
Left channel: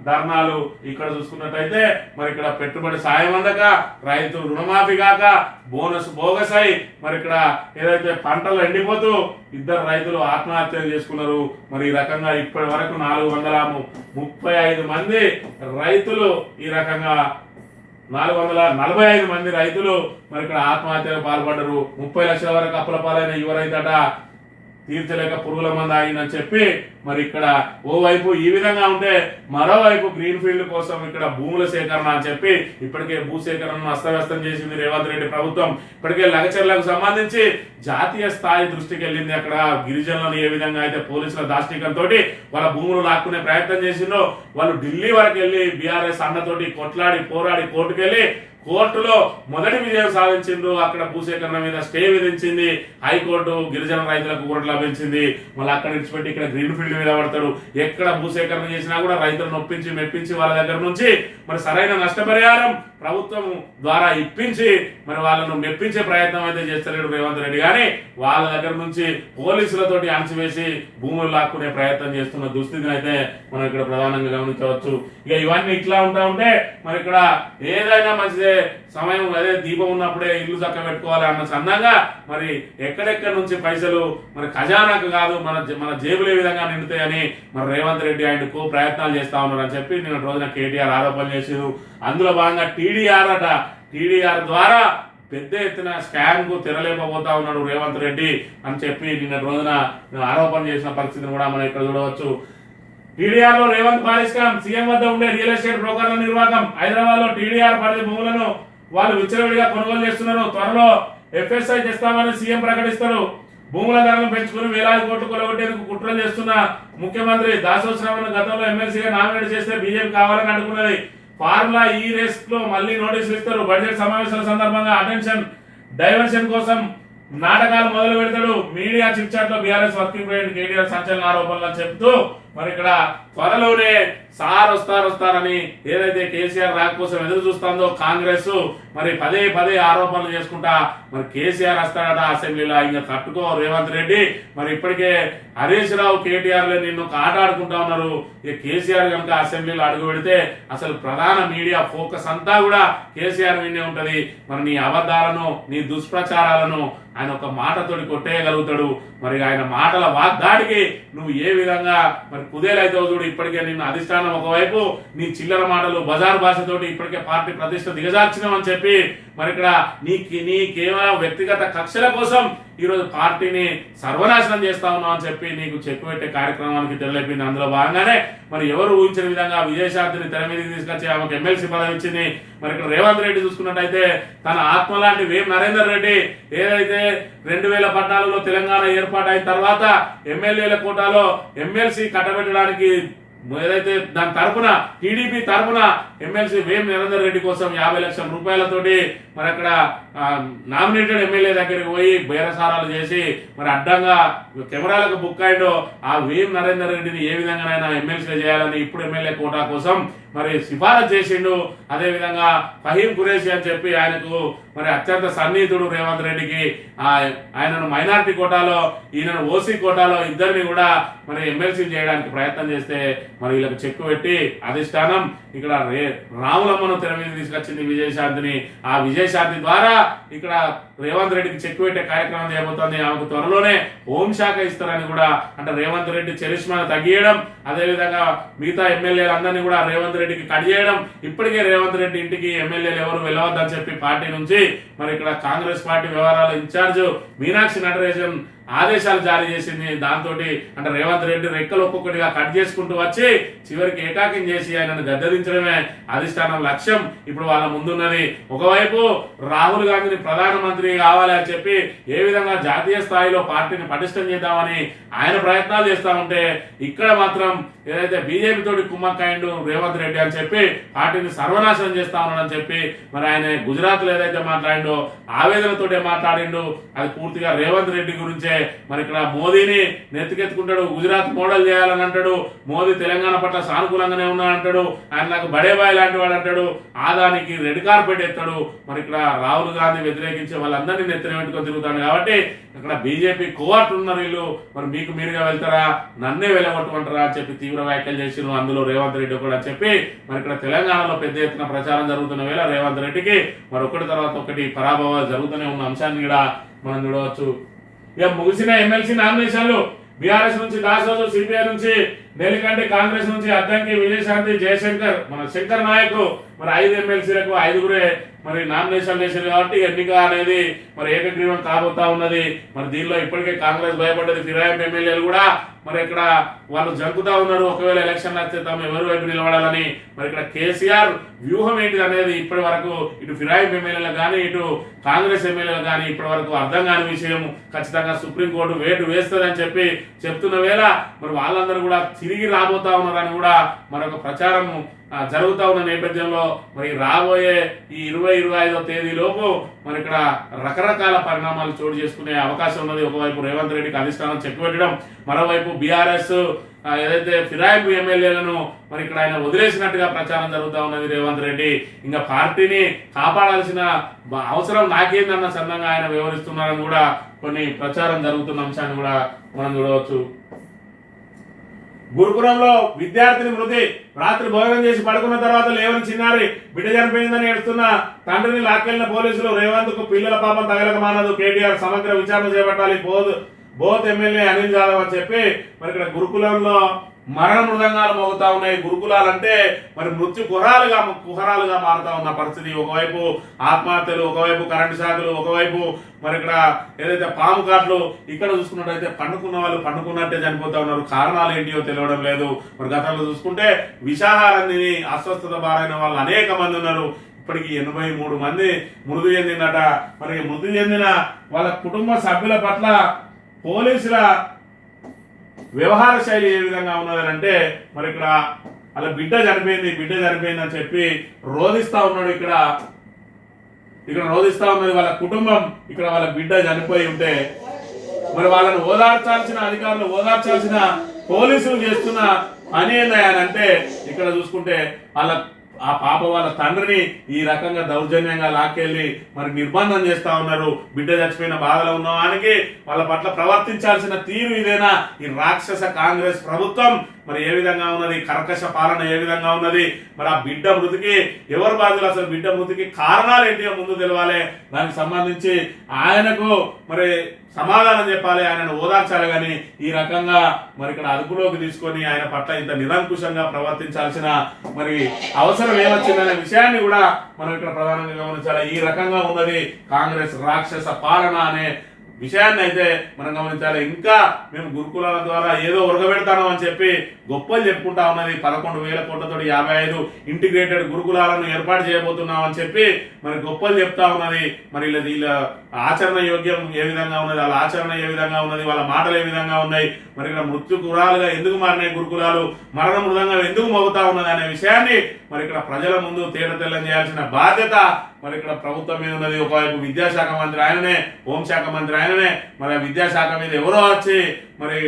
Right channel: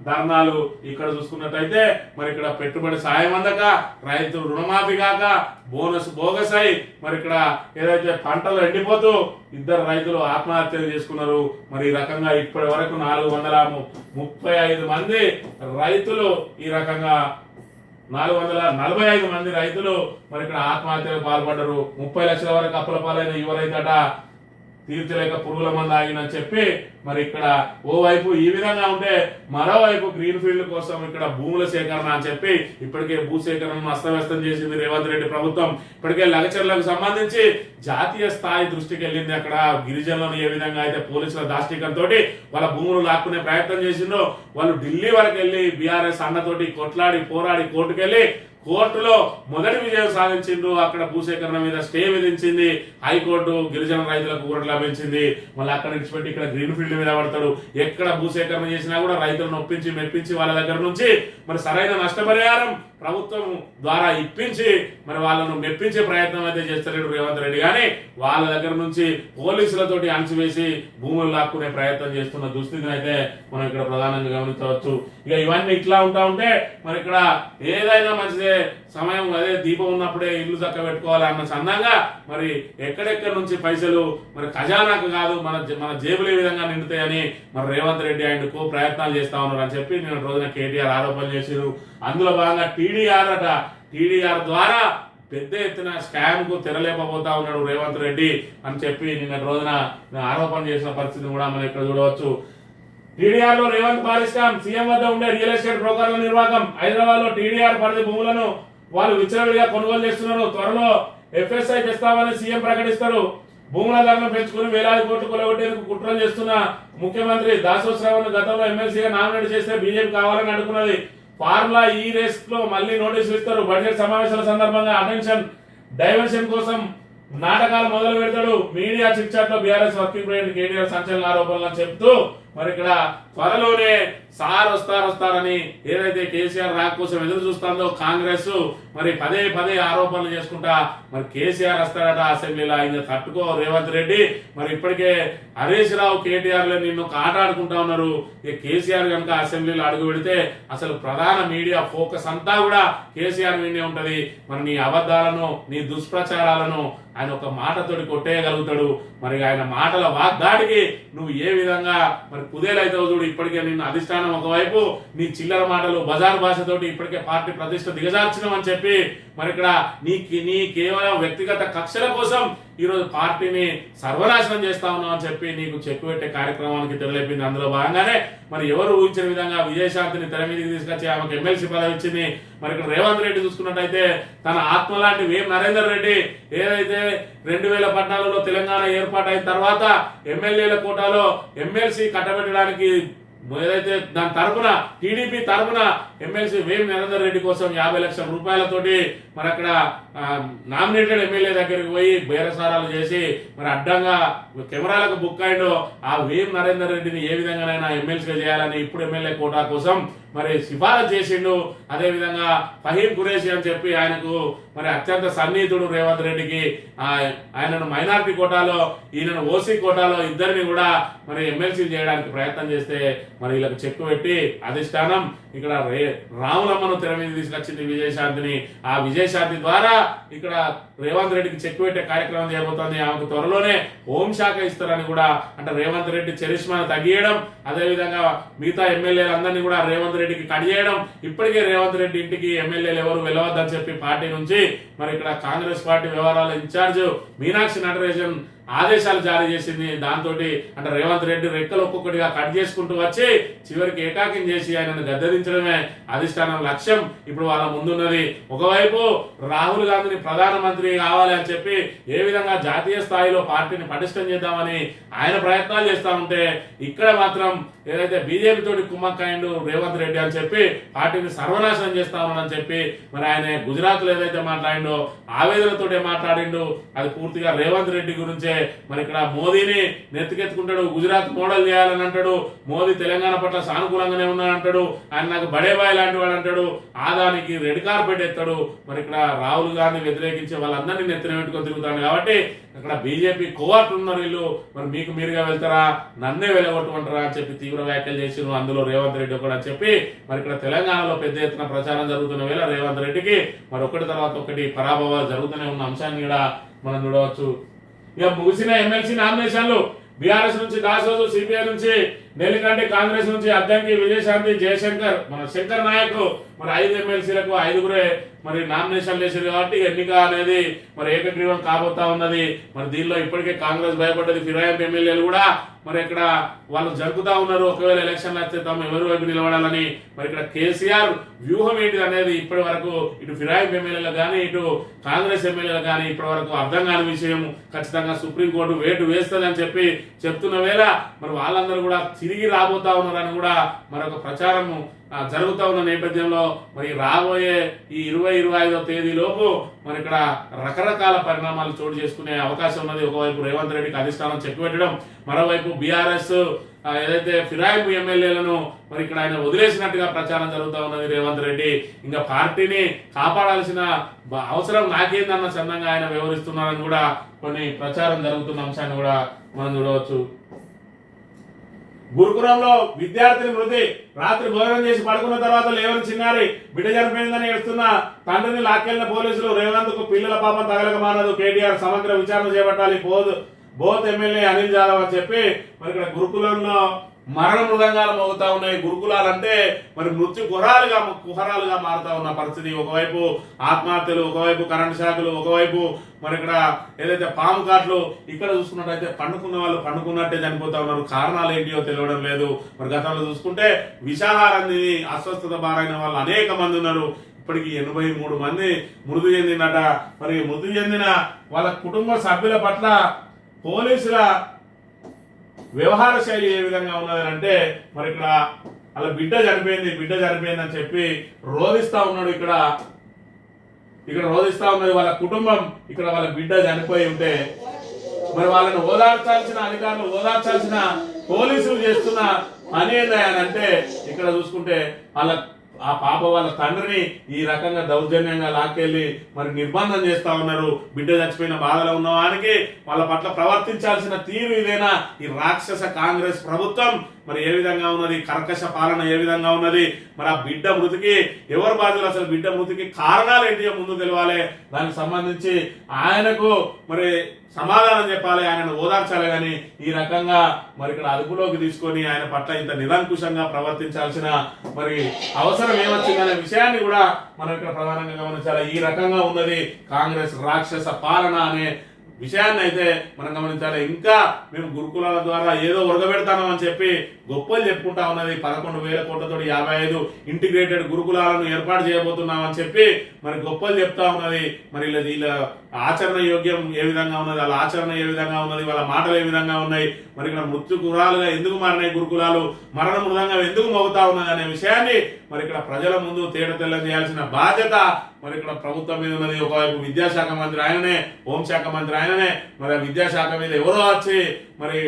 ధర్నాలు. ఇక్కడ చూసుకున్నట్టయితే మరి ఇక్కడ పెట్టుబడి సాయం అందక రైతు రుణమాఫీ కాక బోనస్ బోగస్ అయి మరి ఇక్కడ ఏదైతే పంటలు ఎండిపోతూ 2 రైతులు ఆత్మహత్యలు చేసుకున్నారు. మరి ఈ రకంగా ఇప్పటి వరకు 435 మంది రైతులు ఈ రకంగా 445 మంది రైతులు మరి ఇక్కడ ఆత్మహత్యకు పాల్పడ్డారు. 30 లక్షల వరకు అప్పుల పాలైన యువ రైతట తీర్చలేక పురుగుల మంది ఆగినని చెప్పి మరి ఇక్కడ ఓవైపు ఈ విధంగా ఉంటే మరోవైపు గ్రీన్ ఫీల్డ్ కోసం ఇక్కడ భూముల సేకరణ అని చెప్పి ఇప్పటికే భూ సేకరణను అస్తవ్యస్తం చేసింది రేవంత్ రెడ్డి ప్రభుత్వం. ఇప్పటికే లగచర్లకు సంబంధించి జాతీయ స్థాయి దృష్టికి వెళ్ళింది. అక్కడ గిరిజనులను ఏ విధంగా అయితే పోలీసుల దాష్టికంతో వాళ్ళ భూములు లాక్కునే ప్రయత్నం చేసిందో వాళ్ళు ఢిల్లీ వరకు వెళ్ళి బీఆర్ఎస్ అన్నతోటి కొట్లాడి పోరాడి కోర్టుకెళ్లి కోర్టులో మొదటి విజయం సాధించిండ్రు. అక్కడ భూసేకరణ మీద స్టే విధించింది హైకోర్టు. గిరిజన రైతులకు ఊరట లభించింది. మళ్ళీ అక్కడ విడిచిపెట్టి ఇక్కడ గ్రీన్ ఫీల్డ్ మీద పడతాడు. ఎక్కడ భూసేకరణ చేసినా కూడా రైతులను ఒప్పించి మెప్పించి వాళ్ళ దగ్గర నుంచి మరి సరైన నష్టపరిహారం ప్రభుత్వం ద్వారా ఇప్పించి మరి వాళ్ళను మెప్పించే ప్రయత్నం అయితే చేస్తలేడు రేవంత్ రెడ్డి. కానీ వాళ్ళ దగ్గర నుంచి పోలీసులతోటి అణచివేసి భూములు లాక్కునే ప్రయత్నం చేస్తున్న దుస్థితిని అయితే మనం ఇక్కడ ప్రధానంగా గమనించవచ్చు. ఇక ఇవన్నీ ఇట్లా ఉంటా ఉంటే మరి ఇక్కడ ఏదైనా మంచిదే సమయం అదే దీపం ఉన్నప్పుడే ఇల్లు చక్క పెట్టుకోవాలి అన్న సన్నంగా మరి ఎక్కడెక్కడి నుంచి పైసలు మరి ఖజానాకు కాదు మన జేబులు ఏ విధంగా నిండుతాయని మరి రేవంత్ రెడ్డి ఆయనకు ప్రయత్నాలు చేస్తా ఉన్నారు అని చెప్పి నిన్న రోజున కేటీఆర్ ఆరోపణలు చేశారు. అందులో భాగంగా టీడీఆర్ ద్వారా పెద్ద ఎత్తున స్కామ్ కు తెరలేపబోతా ఉన్నాడు రేవంత్ రెడ్డి అని చెప్పి నిన్న రోజున ఆరోపణ చేసిన పరిస్థితిని కూడా మనం ఇక్కడ చూడవచ్చు. టీడీఆర్ లో రేవంత్ భారీ స్కామ్. సీఎం వద్ద ఉండే రియల్ ఎస్టేట్ బ్రోకర్ల నిర్వాహకం. హైదరాబాద్ లో టీడీఆర్ పరిధి భూములను వాళ్ళు విచ్చలవిడిగా కొనుగోలు చేస్తున్నారు. త్వరలో ఎఫ్ఎస్ఐ తెస్తామని సీఎం ప్రకటిస్తారు. భూముల ధరలను పెంచుకుని వేలాది కోట్లు కొలగొట్టేందుకు కుట్రలు చేస్తున్న ముఖ్యమంత్రి దాసోహ్ శ్రవణ్ గతంలో ఎమ్మెల్సీగా నామినేట్ చేస్తే బీజేపీ కావాలని అడుగున్నది. ఫార్ములా ఈ రేస్ లో మళ్ళీ నోటీసులు ఇస్తారు. బడ్జెట్ సమావేశాల సందర్భంగా అటెన్షన్ డైవర్షన్ కోసం నాటకాలు మొదలు పెడతాడు. మీడియా చిట్ చాట్ లో బీఆర్ఎస్ వర్కింగ్ ప్రెసిడెంట్ కేటీఆర్ సంచలన ఆరోపణలు చెప్తూ మరి ఇక్కడ త్వరలోనే సార్ వస్తారని ఏదైతే కేసీఆర్ రాక కోసం ఎదురు చూస్తుందో కాంగ్రెస్ మరి పదే ఆరోపణలు చేసుకుంటా మరి కేసీఆర్ వస్తాడట అసెంబ్లీలో. ఇంకా తట్టుకో రేవంత్ రెడ్డి. మరి ఇప్పటికే హరీష్ రావు కేటీఆర్ నిన్ను ఆటాడుకుంటా ఉన్నారు. ఇక కేసీఆర్ కనుక అసెంబ్లీలో అడుగు పెడితే అసలు ప్రధాన మీడియా ఫోకస్ అంతా కూడా కేసీఆర్ మీదే ఉంటది. మరి నీ అబద్ధాలను నీ దుష్ప్రచారాలను ఆయన ఒక మాటతోటి కొట్టేయగలుగుతాడు. మరి ఆయన మాటల వాగ్దాడికి నువ్వు ఏ విధంగా మరి కుదేలైతావు చూడు. ఇప్పటికే నిన్ను అధిష్టానం ఒకవైపు నీ చిల్లర మాటలు బజారు భాషతోటి ఇప్పటికే పార్టీ ప్రతిష్ట దిగజార్చినామని చెప్పి మరి ఇక్కడ నీ కేవలం వ్యక్తిగత కక్షల కోసం ఈరోజు పార్టీని సర్వనాశనం చేస్తా ఉన్నావు అని చెప్పి నీకు చెక్కు పెట్టే కార్యక్రమానికి తెరలేపింది. అందులో భాగంగానే మరి ఎవరు ఊహించిన విధంగా విజయశాంతిని తెర మీదకి తీసుకొచ్చి ఆమెకు ఎమ్మెల్సీ పదవి ఇచ్చింది. మరి ఇక్కడ రేవంత్ రెడ్డి చూసుకున్నట్టయితే తన ఆత్మ లాంటి వేం నరేందర్ రెడ్డి ఏదైతే 2014లో తెలంగాణ ఏర్పాటు అయిన తర్వాత ఎమ్మెల్యేల కోటాలో ఎమ్మెల్సీ కట్టబెట్టడానికి ఏదైతే దాని తరపున టీడీపీ తరపున ఎమ్మెల్సీ వేం నరేందర్ రెడ్డి కోసం 50 లక్షల రూపాయలతోటి మరి అక్కడ నామినేటెడ్ ఎమ్మెల్యే దగ్గరికి పోయి బేరసారాలు చేసి మరి అడ్డంగా కెమెరాలకు బుక్ అయిండో ఆ వేం నరేందర్ రెడ్డిని ఏ విధంగానైనా ఎమ్మెల్సీ చేయాలని ఇప్పుడు ఎమ్మెల్యే కోటా కోసం మరి సిఫారసు చేసిండు. అదే విధంగా ఫహీం ఖురేషి అని చెప్పి ఆయనకు మరి అత్యంత సన్నిహితుడు రేవంత్ రెడ్డికి ఆయనను మైనారిటీ కోటాలో ఈయనను ఓసీ కోటాలో ఇద్దరిని కూడా మరి ఎమ్మెల్సీ చేయడానికి ప్రయత్నం చేస్తే మరి వీళ్ళకి చెక్కు పెట్టి అధిష్టానం ఇక్కడ రాములమ్మను తెర మీద తీసుకొచ్చింది విజయశాంతిని. ఆ విజయశాంతి ద్వారా ఇక్కడ రేవంత్ రెడ్డికి చెక్కు పెట్టే కార్యక్రమం చేయబోతోంది. ఆమెకు త్వరలోనే హోంశాఖ ఇస్తారని కూడా అంటే రేవంత్ రెడ్డి చరిష్మాను తగ్గియడం, అదేవిధంగా మిగతా ఎమ్మెల్యేలందరినీ కూడా రేవంత్ రెడ్డికి కట్ చేయడం. ఇప్పటికే రేవంత్ రెడ్డి ఇంటికి ఎమ్మెల్యేలు ఎవరు వెళ్ళవద్దని చెప్పి పార్టీ నుంచి మరి ఇక్కడ కాంగ్రెస్ పార్టీ వ్యవహారాల ఇన్ఛార్జ్ మీనాక్షి నటరాజన్ ఆదేశాలు జారీ చేసింది. దాంతో అంటే రేవంత్ రెడ్డి రెక్కలు ఒక్కొక్కటిగా కట్ చేసుకుంటూ వచ్చి చివరికి ఏకాకిం చేసి ఆయనను గద్దెదించడమే అధిష్టానం లక్ష్యం ఇప్పుడు వాళ్ళ ముందున్నది. ఒకవైపు రాహుల్ గాంధీని ప్రధానమంత్రి కావాలి అని చెప్పి ఏ విధంగా జాతీయ స్థాయిలో పార్టీని పటిష్టం చేద్దామని ఆయన ప్రయత్నాలు చేస్తా ఉంటే, ఇక్కడ మాత్రం ఏదైతే బీజేపీ తోటి కుమ్మక్కాయిండు రేవంత్ రెడ్డి అని చెప్పి పార్టీని సర్వనాశనం చేస్తా ఉన్నాడని చెప్పి మరి ఆయన గుజరాత్ లో ఏదైతే మాట్లాడిండో ఆవేదనతోటే మాట్లాడిండు, అది పూర్తిగా రేవంత్ రెడ్డి గురించే. మరి ఇక్కడ మోదీని నెత్తికెత్తుకుంటాడు, గుజరాత్ మోడల్ చేయాలని అంటాడు, మోదీ తెలంగాణ పట్ల సానుకూలంగానే ఉన్నాడు అంటాడు, ఆయన నాకు బడేబాయ్ లాంటి వాడు అంటాడు, ఆదానికి రెడ్ కార్పెట్ ఎత్తాడు. మరి ఇక్కడ రాహుల్ గాంధీ వ్యతిరేకించే వాళ్ళందరినీ నెత్తిన పెట్టుకొని తిరుగుతాడు. కాబట్టి ఇక్కడ బీజేపీ కోవర్ట్ ఉన్నారు వీళ్ళు, మరి మీకు మీరుగా వెళ్తారా, నన్నే వెళ్ళగొట్టుకుంటారా అని చెప్పి తీవ్ర వ్యాఖ్యలు చేసిరు. అందులో రేవంత్ రెడ్డి కూడా చెప్పి మరి ఇక్కడ తెలంగాణలో పెద్ద ఎత్తున ప్రచారం జరుగుతున్న వేళ రేవంత్ రెడ్డికి మరి ఒకటి తర్వాత ఒకటి పరాభవాలు జరుగుతూనే ఉన్న అంశాన్ని కూడా మనం చూడవచ్చు. ఇక ముగిసిన ఎమ్మెల్సీ నామినేషన్లు బీఆర్ఎస్ నుంచి దాసోజు, సిపిఐ నుంచి నెల్లికంటి, కాంగ్రెస్ నుంచి అద్దంకి, విజయశాంతి, జయశంకర్, మన శంకర్ నాయక్ మరి 5 ఎమ్మెల్సీలకు 5గురే మరి నామినేషన్ చేశారు. కాబట్టి ఎన్నిక అనేది మరి ఏకగ్రీవం కాబోతా ఉన్నది. మరి దీనిలో ఇప్పటికే కాంగ్రెస్ భయపడ్డది. ఫిరాయింపు ఎమ్మెల్యేలు కూడా మరి ఇక్కడ వాళ్ళు జంకుతా ఉన్నారు, ఒకవేళ ఎలక్షన్లు వస్తే తాము ఎవరి వైపు నిలబడాలని. మరి ఇక్కడ కేసీఆర్ వ్యూహం ఏంటిది అనేది ఇప్పటి వరకు ఇటు ఫిరాయింపు ఎమ్మెల్యేలకు కానీ ఇటు కాంగ్రెస్ ఎమ్మెల్యేలకు కానీ ఇప్పటి వరకు అర్థం కాని విషయం. ఖచ్చితంగా సుప్రీంకోర్టు వేటు వేస్తుందని చెప్పి చెప్తున్న వేళ మరి వాళ్ళందరూ కూడా తిరిగి రాబోతా ఉన్నారని కూడా మరొక ప్రచారం జరుగుతా ఉన్న నేపథ్యంలో మరి రాబోయే ఈ 20-25వ తేదీలోపు మరి ఇక్కడ రకరకాల పరిణామాలు చోటు చేసుకునే అవకాశం ఉన్నది. ఒకవైపు రేవంత్ రెడ్డికి అధిష్టానం చెక్ పెట్టడం, మరోవైపు బీఆర్ఎస్ ఏదైతే ఫిరాయింపు ఎమ్మెల్యేలను మరి ఇక్కడ ఆయన వదిలేసినట్టుగా ప్రచారం జరుగుతూ ఉన్నది. రేవంత్ రెడ్డి ఇంకా పార్టీని కాపాడాల్సిన అవసరం నాకేందన్న చందంగా ఆయన వ్యవహరిస్తున్నారని కూడా కొన్ని ప్రచారం జరుగుతున్న అంశాన్ని కూడా మనం చూడవచ్చు. గురుకులంలో విద్యార్థిని మృతి, రాత్రి భోజనం చేసి పడుకున్న తర్వాత లేవని చిన్నారి బిడ్డ చనిపోయిందని ఏడుస్తున్న తండ్రిని లాక్కెళ్లిన పోలీసులు. రేవంత్ కు పిల్లల పాపం తగలక మానదు, కేటీఆర్ సమగ్ర విచారణ చేపట్టాలి, బోత్ ఎమ్మెల్యే అనిల్ జాదవ్ అని చెప్పి మరి ఇక్కడ గురుకులంలో మరణ మృదంగాలు మోగుతా ఉన్నాయి. గురుకులాలంటే మరి మృత్యు కుహరాలుగా మారుతా ఉన్న పరిస్థితి. ఒకవైపు ఆత్మహత్యలు, ఒకవైపు కరెంటు షాకులు, ఒకవైపు మరి ఇక్కడ ఏదైతే పాము కాట్లు. ఇక్కడ చూసుకున్నట్టయితే పండుకున్న వాళ్ళు పండుకున్నట్టే చనిపోతా ఉన్నారు. కారణాలు ఏంటియో తెలియడం లేదు. మరి గతంలో చూసుకుంటే విషాహారం తిని అస్వస్థత బారైన వాళ్ళు అనేక మంది ఉన్నారు. ఇప్పటికి 83 మంది మృతి చెందిందట. మరి మృతి చెందిన వాళ్ళ కుటుంబ సభ్యుల పట్ల పోలీసుల వ్యవహార శైలి ఏ విధంగా ఉన్నదంటే మరి ఇక్కడ అలా బిడ్డ చనిపోయింది అని చెప్పి రోధిస్తా ఉన్నాడు. ఇక్కడ రోధిస్తా ఉన్నది వాళ్ళ కుటుంబం. ఇక్కడ వాళ్ళ బిడ్డ చనిపోయి ఉంటే మరి వాళ్ళని ఓదార్చాల్సిన అధికారులు, ఓదార్చాల్సిన పోలీసులు చేస్తున్న పని ఏందంటే ఇక్కడ చూసుకుంటే ఆ పాప వాళ్ళ తండ్రిని ఈ రకంగా దౌర్జన్యంగా లాక్కెళ్ళి మరి నిర్బంధం చేస్తా ఉన్నారు. బిడ్డ చచ్చిపోయిన బాధలో ఉన్న వానికి వాళ్ళ పట్ల ప్రవర్తించాల్సిన తీరు ఇదేనా? ఈ రాక్షస కాంగ్రెస్ ప్రభుత్వం మరి ఏ విధంగా ఉన్నది, కర్కశ పాలన ఏ విధంగా ఉన్నది, మరి ఆ బిడ్డ మృతికి ఎవరు బాధ్యులు, అసలు బిడ్డ మృతికి కారణాలు ఏంటి ముందు తెలవాలి. దానికి సంబంధించి ఆయనకు మరి సమాధానం చెప్పాలి, ఆయనను ఓదార్చాలి. కానీ ఈ రకంగా మరి ఇక్కడ అదుపులోకి తీసుకొని ఆయన పట్ల ఇంత నిరంకుశంగా ప్రవర్తించాల్సిన మరి అవసరం ఏమొచ్చిందనే విషయాన్ని కూడా మనం ఇక్కడ ప్రధానంగా గమనించాలి. ఈ రకంగా ఉన్నది కాంగ్రెస్ రాక్షస పాలన అనే విషయాన్ని అయితే మనం గమనించాలి. ఇంకా మేము గురుకులాల ద్వారా ఏదో ఉరగబెడతాను అని చెప్పి గొప్పలు చెప్పుకుంటా ఉన్నది. 11,000 కోట్లతో 55 ఇంటిగ్రేటెడ్ గురుకులాలను ఏర్పాటు చేయబోతున్నాం అని చెప్పి మరి గొప్పలు చెప్తా ఉన్నది. మరి వీళ్ళ ఆచరణ యోగ్యం ఏ విధంగా ఉన్నది, వాళ్ళ ఆచరణ ఏ విధంగా ఉన్నది, వాళ్ళ మాటలు ఏ విధంగా ఉన్నాయి, మరి ఇక్కడ మృత్యు గురాలుగా ఎందుకు మారినాయి గురుకులాలు, మరణ మృదంగా ఎందుకు మోగుతా ఉన్నది అనే విషయాన్ని మరి ఇక్కడ ప్రజల ముందు తేట తెల్లం చేయాల్సిన బాధ్యత మరి ఇక్కడ ప్రభుత్వం మీద ఉన్నది. ఒకవైపు విద్యాశాఖ మంత్రి ఆయననే, హోంశాఖ మంత్రి ఆయననే. మరి ఆ విద్యాశాఖ మీద ఎవరో వచ్చి మరి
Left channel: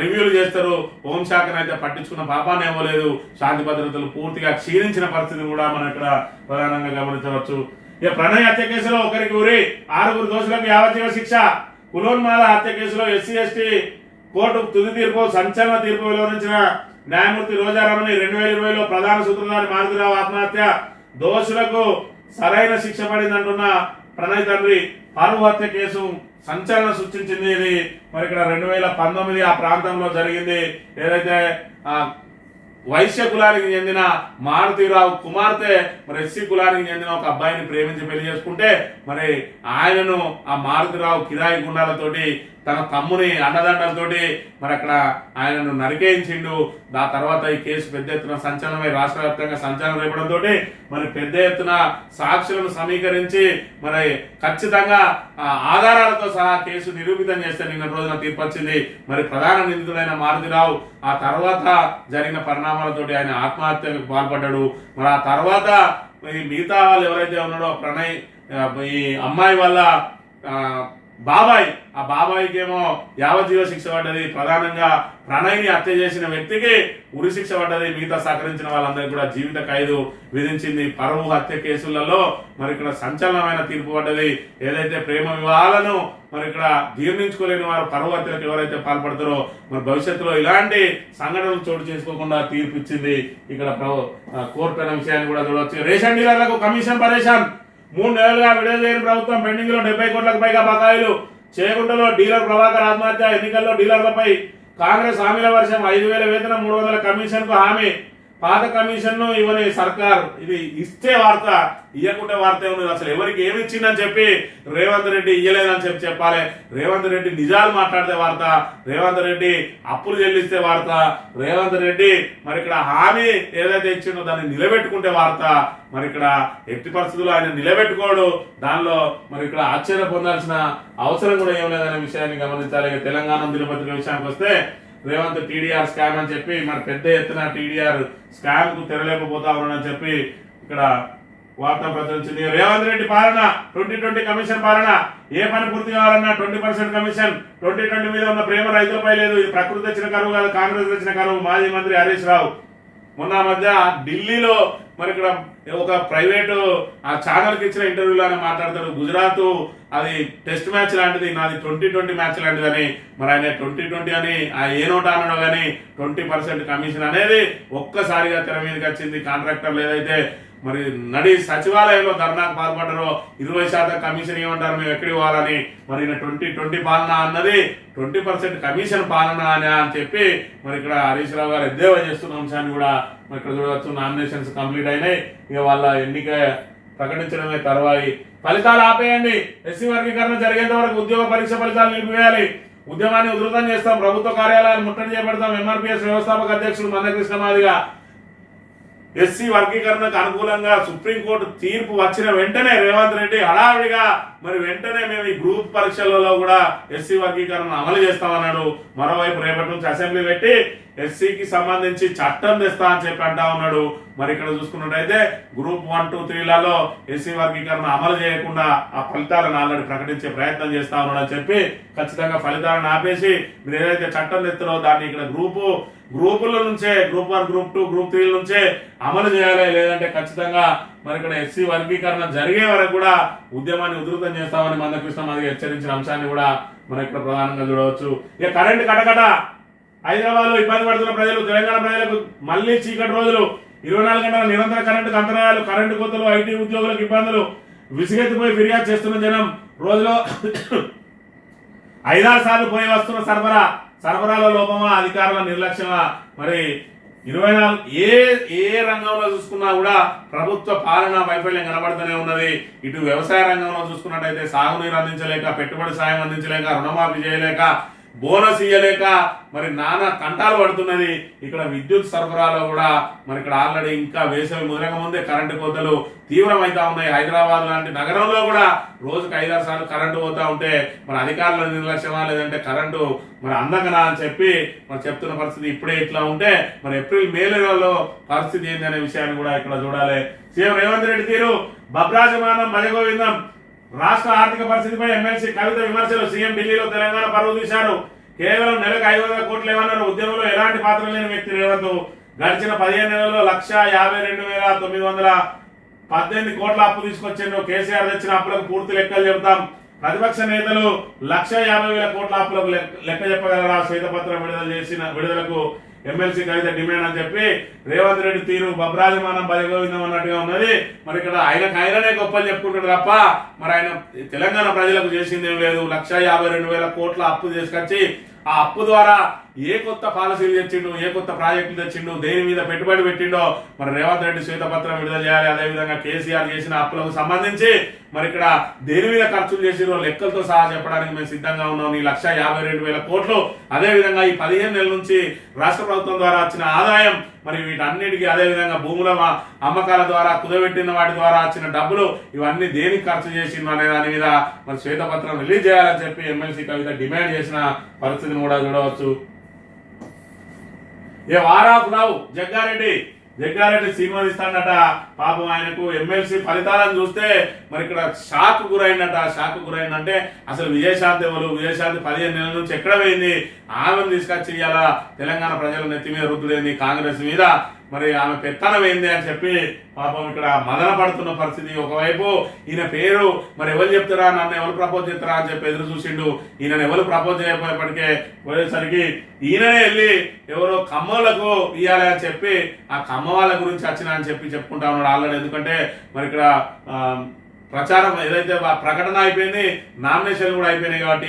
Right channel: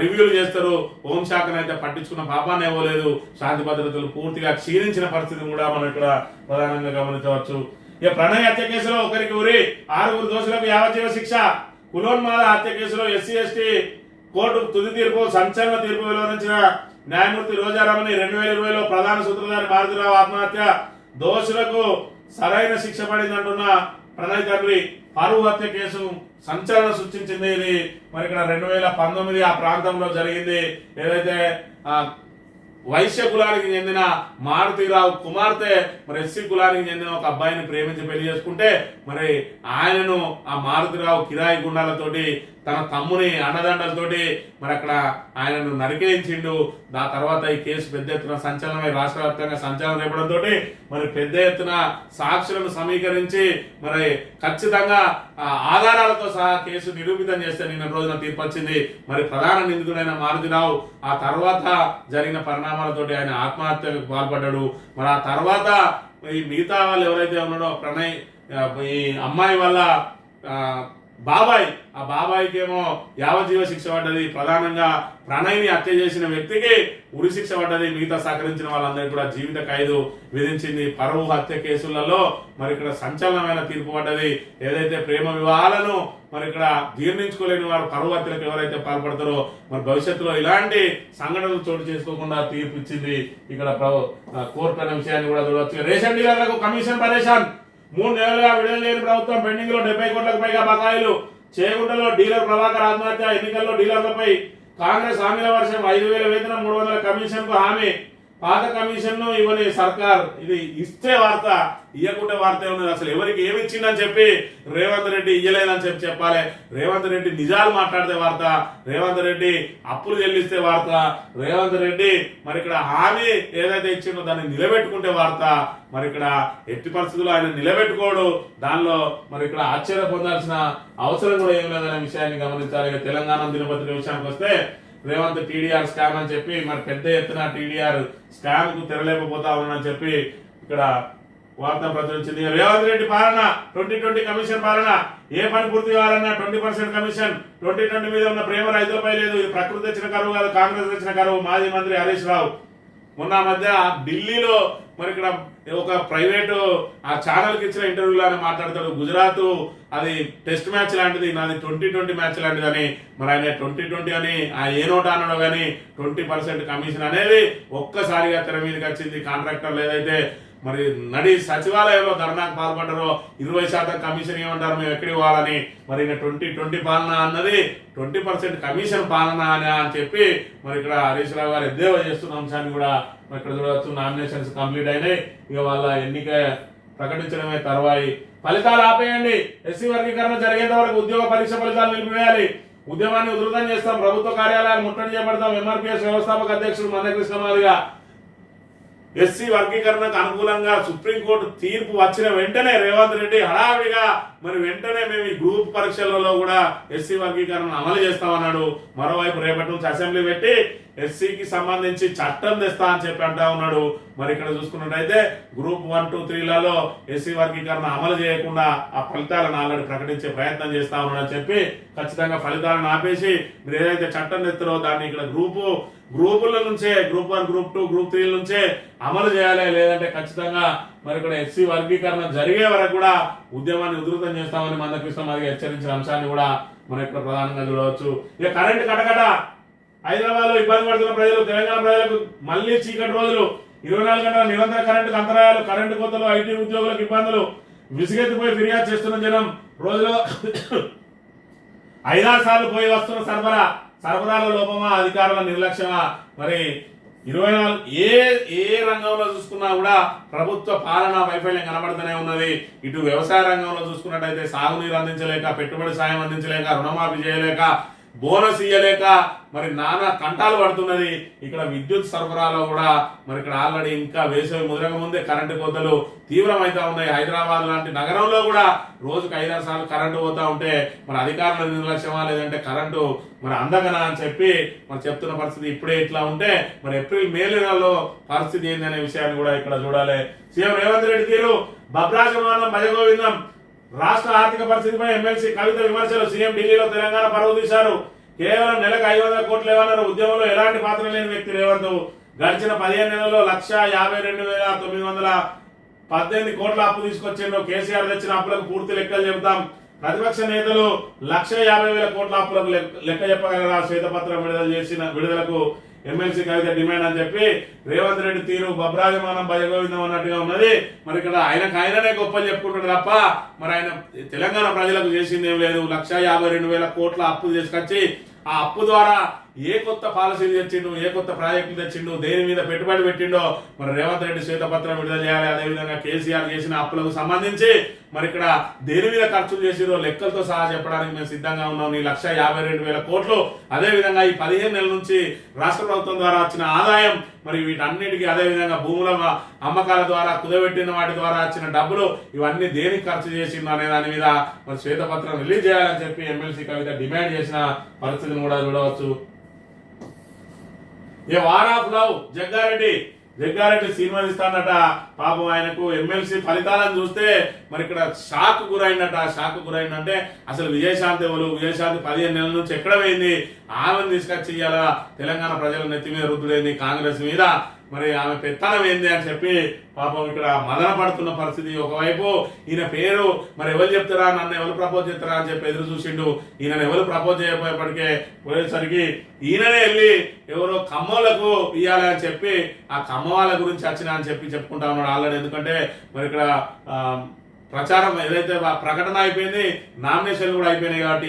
రివ్యూలు చేస్తారు. హోంశాఖనైతే పట్టించుకున్న పాపాన్ని ఇవ్వలేదు. శాంతి భద్రతలు పూర్తిగా క్షీణించిన పరిస్థితిని కూడా మనం ఇక్కడ ప్రధానంగా గమనించవచ్చు. ఇక ప్రణయ్ హత్య కేసులో ఒకరికి ఉరి, 6 దోషులకు యావజ్జీవ శిక్ష. కులోన్మాల హత్య కేసులో SC/ST కోర్టు తుది తీర్పు, సంచలన తీర్పు వెలువరించిన న్యాయమూర్తి రోజారామని 2020లో ప్రధాన సూత్రధారి మారుతిరావు ఆత్మహత్య. దోషులకు సరైన శిక్ష పడిందంటున్న ప్రణయ్ తండ్రి. పరువు హత్య కేసు సంచలనం సృష్టించింది. ఇది మరి ఇక్కడ 2019 ఆ ప్రాంతంలో జరిగింది. ఏదైతే వైశ్య కులానికి చెందిన మారుతిరావు కుమార్తె మరి SC కులానికి చెందిన ఒక అబ్బాయిని ప్రేమించి పెళ్లి చేసుకుంటే మరి ఆయనను ఆ మారుతిరావు కిరాయి గుండాలతోటి తన తమ్ముని అండదండలతోటి మరి అక్కడ ఆయనను నరికేయించిండు. ఆ తర్వాత ఈ కేసు పెద్ద ఎత్తున సంచలనమై రాష్ట్ర వ్యాప్తంగా సంచలనం రేపడంతో మరి పెద్ద ఎత్తున సాక్షులను సమీకరించి మరి ఖచ్చితంగా ఆధారాలతో సహా కేసు నిరూపితం చేస్తే నిన్న రోజున తీర్పు వచ్చింది. మరి ప్రధాన నిందితుడైన మారుతిరావు ఆ తర్వాత జరిగిన పరిణామాలతోటి ఆయన ఆత్మహత్యకు పాల్పడ్డాడు. మరి ఆ తర్వాత ఈ మిగతా వాళ్ళు ఎవరైతే ఉన్నాడో ప్రణయ్ ఈ అమ్మాయి వల్ల బాబాయ్, ఆ బాబాయికి ఏమో యావజ్జీవ శిక్ష పడ్డది. ప్రధానంగా ప్రణయ్ని హత్య చేసిన వ్యక్తికి ఉరి శిక్ష పడ్డది. మిగతా సహకరించిన వాళ్ళందరికీ కూడా జీవిత ఖైదు విధించింది. పరువు హత్య కేసులలో మరి ఇక్కడ సంచలనమైన తీర్పు పడ్డది. ఏదైతే ప్రేమ వివాహాలను మరి ఇక్కడ జీర్ణించుకోలేని వారు పరువు హత్యలకు ఎవరైతే పాల్పడతారో మరి భవిష్యత్తులో ఇలాంటి సంఘటనలు చోటు చేసుకోకుండా తీర్పు ఇచ్చింది ఇక్కడ కోర్టు అనే విషయాన్ని కూడా చూడవచ్చు. రేషన్ డీలర్లకు కమిషన్ పరేషాన్. 3 నెలలుగా విడుదల చేయని ప్రభుత్వం పెండింగ్ లో 70 కోట్లకు పైగా బకాయిలు. చేగుంటలో డీలర్ ప్రభాకర్ ఆత్మహత్య. ఎన్నికల్లో డీలర్లపై కాంగ్రెస్ హామీల వర్షం. 5,000 వేతనం, 300 కమిషన్ కు హామీ. పాత కమిషన్ ను ఇవ్వని సర్కార్. ఇది ఇస్తే వార్త, ఇయ్యకుంటే వార్త ఏమున్నది? అసలు ఎవరికి ఏమి ఇచ్చిందని చెప్పి రేవంత్ రెడ్డి ఇయ్యలేదని చెప్పాలి. రేవంత్ రెడ్డి నిజాలు మాట్లాడితే వార్త, రేవంత్ రెడ్డి అప్పులు చెల్లిస్తే వార్త, రేవంత్ రెడ్డి మరి ఇక్కడ హామీ ఏదైతే ఇచ్చిందో దాన్ని నిలబెట్టుకుంటే వార్త. మరి ఇక్కడ ఎట్టి పరిస్థితుల్లో ఆయన నిలబెట్టుకోడు. దానిలో మరి ఇక్కడ ఆశ్చర్య పొందాల్సిన అవసరం కూడా ఏం లేదనే విషయాన్ని గమనించాలి. తెలంగాణ దినపత్రిక విషయానికి వస్తే రేవంత్ టీడీఆర్ స్కామ్ అని చెప్పి మరి పెద్ద ఎత్తున టీడీఆర్ స్కామ్ కు తెరలేకపోతా ఉన్నాడని చెప్పి ఇక్కడ వార్త ప్రచురించింది. రేవంత్ రెడ్డి పాలన 2020 కమిషన్ పాలన. ఏ పని పూర్తి కావాలన్నా 20% కమిషన్. 2020 మీద ఉన్న ప్రేమ రైతులపై లేదు. ఇది ప్రకృతి తెచ్చిన కరువు కాదు, కాంగ్రెస్ తెచ్చిన కరువు. మాజీ మంత్రి హరీష్ రావు మొన్న మధ్య ఢిల్లీలో మరి ఇక్కడ ఒక ప్రైవేటు ఆ ఛానల్ కి ఇచ్చిన ఇంటర్వ్యూలో ఆయన మాట్లాడతాడు. గుజరాత్ అది టెస్ట్ మ్యాచ్ లాంటిది, నాది 2020 మ్యాచ్ లాంటిదని. మరి ఆయన 2020 అని ఆ ఏ నోట్ అన్నాడో కానీ 20% కమిషన్ అనేది ఒక్కసారిగా తెర మీదకి వచ్చింది. కాంట్రాక్టర్లు ఏదైతే మరి నడి సచివాలయంలో ధర్నాకు పాల్పడ్డారో 20% కమిషన్ ఏమంటారు, మేము ఎక్కడికి పోవాలని. మరి 2020 పాలన అన్నది 20% కమిషన్ పాలన అని చెప్పి మరి ఇక్కడ హరీష్ రావు గారు ఎద్దేవా చేస్తున్న అంశాన్ని కూడా మరి ఇక్కడ చూడవచ్చు. నామినేషన్స్ కంప్లీట్ అయినాయి. ఇక వాళ్ళ ఎన్నిక ప్రకటించడమే తర్వాయి. ఫలితాలు ఆపేయండి. ఎస్సీ వర్గీకరణ జరిగేంత వరకు ఉద్యోగ పరీక్ష ఫలితాలు నిలిపివేయాలి. ఉద్యమాన్ని ఉధృతం చేస్తాం. ప్రభుత్వ కార్యాలయాలు ముట్టడి చేపడతాం. ఎంఆర్పీఎస్ వ్యవస్థాపక అధ్యక్షుడు మందకృష్ణ మాదిగ. ఎస్సీ వర్గీకరణకు అనుకూలంగా సుప్రీంకోర్టు తీర్పు వచ్చిన వెంటనే రేవంత్ రెడ్డి హడావిడిగా మరి వెంటనే మేము ఈ గ్రూప్ పరీక్షలలో కూడా ఎస్సీ వర్గీకరణ అమలు చేస్తామన్నాడు. మరోవైపు రేపటి నుంచి అసెంబ్లీ పెట్టి ఎస్సీకి సంబంధించి చట్టం తెస్తా అని చెప్పి అంటా ఉన్నాడు. మరి ఇక్కడ చూసుకున్నట్టయితే గ్రూప్ 1, 2, 3లలో ఎస్సీ వర్గీకరణ అమలు చేయకుండా ఆ ఫలితాలను ఆల్రెడీ ప్రకటించే ప్రయత్నం చేస్తా ఉన్నాడు అని చెప్పి ఖచ్చితంగా ఫలితాలను ఆపేసి మీరు ఏదైతే చట్టం తెస్తారో దాన్ని ఇక్కడ గ్రూపుల నుంచే గ్రూప్ 1, గ్రూప్ 2, గ్రూప్ 3 నుంచే అమలు చేయాలి. లేదంటే ఖచ్చితంగా మరి ఇక్కడ ఎస్సీ వర్గీకరణ జరిగే వరకు కూడా ఉద్యమాన్ని ఉధృతం చేస్తామని మందకృష్ణ మాదిగ హెచ్చరించిన అంశాన్ని కూడా మనం ఇక్కడ ప్రధానంగా చూడవచ్చు. ఇక కరెంటు కటకట. హైదరాబాద్ లో ఇబ్బంది పడుతున్న ప్రజలు, తెలంగాణ ప్రజలకు మళ్లీ చీకటి రోజులు. 24 గంటల నిరంతర కరెంటు అంతరాయాలు, కరెంటు కోతలు, ఐటీ ఉద్యోగులకు ఇబ్బందులు. విసిగెత్తిపోయి ఫిర్యాదు చేస్తున్న జనం. రోజులో 5-6 సార్లు పోయి వస్తున్న సరఫరాల లోపమా, అధికారుల నిర్లక్ష్యమా? మరి 24 ఏ రంగంలో చూసుకున్నా కూడా ప్రభుత్వ పాలన వైఫల్యం కనబడుతూనే ఉన్నది. ఇటు వ్యవసాయ రంగంలో చూసుకున్నట్టయితే సాగునీరు అందించలేక, పెట్టుబడి సాయం అందించలేక, రుణమాఫీ చేయలేక, బోనస్ ఇయ్యలేక మరి నానా కంటాలు పడుతున్నది. ఇక్కడ విద్యుత్ సరఫరాలో కూడా మరి ఇక్కడ ఆల్రెడీ ఇంకా వేసవి ముదరక ముందే కరెంటు కోతలు తీవ్రమైతా ఉన్నాయి. హైదరాబాద్ లాంటి నగరంలో కూడా రోజుకు 5-6 సార్లు కరెంటు పోతా ఉంటే మరి అధికారుల నిర్లక్ష్యమా లేదంటే కరెంటు మరి అందకనా అని చెప్పి మరి చెప్తున్న పరిస్థితి. ఇప్పుడే ఇట్లా ఉంటే మరి ఏప్రిల్ మే నెలలో పరిస్థితి ఏంది అనే విషయాన్ని కూడా ఇక్కడ చూడాలి. సీఎం రేవంత్ రెడ్డి తీరు భద్రాజమానం భజగోవిందం. రాష్ట్ర ఆర్థిక పరిస్థితిపై ఎమ్మెల్సీ కవిత విమర్శలు. సీఎం ఢిల్లీలో తెలంగాణ పరువు తీశారు. కేవలం నెలకు 500 కోట్లు ఏమన్నారు. ఉద్యమంలో ఎలాంటి పాత్ర లేని వ్యక్తి రేవంత్. గడిచిన 15 నెలల్లో 152,918 కోట్ల అప్పు తీసుకొచ్చిండ్రు. కేసీఆర్ తెచ్చిన అప్పులకు పూర్తి లెక్కలు చెబుతాం. ప్రతిపక్ష నేతలు 150,000 కోట్ల అప్పులకు లెక్క చెప్పగలరా? శ్వేతపత్రం విడుదలకు ఎమ్మెల్సీ కవిత డిమాండ్ అని చెప్పి రేవంత్ రెడ్డి తీరు బబ్రాజమానం భజగోవిందం అన్నట్టుగా ఉన్నది. మరి ఇక్కడ ఆయననే గొప్పలు చెప్పుకుంటాడు తప్ప మరి ఆయన తెలంగాణ ప్రజలకు చేసింది ఏం లేదు. 152,000 కోట్ల అప్పు తీసుకొచ్చి ఆ అప్పు ద్వారా ఏ కొత్త పాలసీలు తెచ్చిండు, ఏ కొత్త ప్రాజెక్టులు తెచ్చిండు, దేని మీద పెట్టుబడి పెట్టిండో మరి రేవంత్ రెడ్డి శ్వేతపత్రం విడుదల చేయాలి. అదేవిధంగా కేసీఆర్ చేసిన అప్పులకు సంబంధించి మరి ఇక్కడ దేని మీద ఖర్చులు చేసిరో లెక్కలతో సహా చెప్పడానికి మేము సిద్ధంగా ఉన్నాం. ఈ 1,52,000 కోట్లు, అదేవిధంగా ఈ 15 నెలల నుంచి రాష్ట్ర ప్రభుత్వం ద్వారా వచ్చిన ఆదాయం, మరి వీటన్నిటికీ అదేవిధంగా భూముల అమ్మకాల ద్వారా కుదబెట్టిన వాటి ద్వారా వచ్చిన డబ్బులు ఇవన్నీ దేనికి ఖర్చు చేసిండు అనే దాని మీద మరి శ్వేతపత్రం రిలీజ్ చేయాలని చెప్పి ఎమ్మెల్సీ కవిత డిమాండ్ చేసిన పరిస్థితిని కూడా చూడవచ్చు. A war of love Jaggareddy సినిమా ఇస్తాడట. పాపం ఆయనకు ఎమ్మెల్సీ ఫలితాలను చూస్తే మరి ఇక్కడ షాక్ గురైందంటే అసలు విజయశాంతి ఎవరు? విజయశాంతి 15 నెలల నుంచి ఎక్కడ పోయింది? ఆమెను తీసుకొచ్చి ఇవాళ తెలంగాణ ప్రజల నెత్తి మీద రుద్దుడేంది కాంగ్రెస్ మీద, మరి ఆమె పెత్తనం ఏంది అని చెప్పి పాపం ఇక్కడ మదన పడుతున్న పరిస్థితి. ఒకవైపు ఈయన పేరు మరి ఎవరు చెప్తారా, నన్ను ఎవరు ప్రపోజ్ చేస్తారా అని చెప్పి ఎదురు చూసిండు. ఈయనను ఎవరు ప్రపోజ్ చేయకపోయేప్పటికే పోయేసరికి ఈయననే వెళ్ళి ఎవరో ఖమ్మంలకు ఇవ్వాలి అని చెప్పి ఆ ఖమ్మం వాళ్ళ గురించి వచ్చిన అని చెప్పి చెప్పుకుంటా ఉన్నాడు ఆల్రెడీ. ఎందుకంటే మరి ఇక్కడ ప్రచారం ఏదైతే ప్రకటన అయిపోయింది, నామినేషన్లు కూడా అయిపోయినాయి కాబట్టి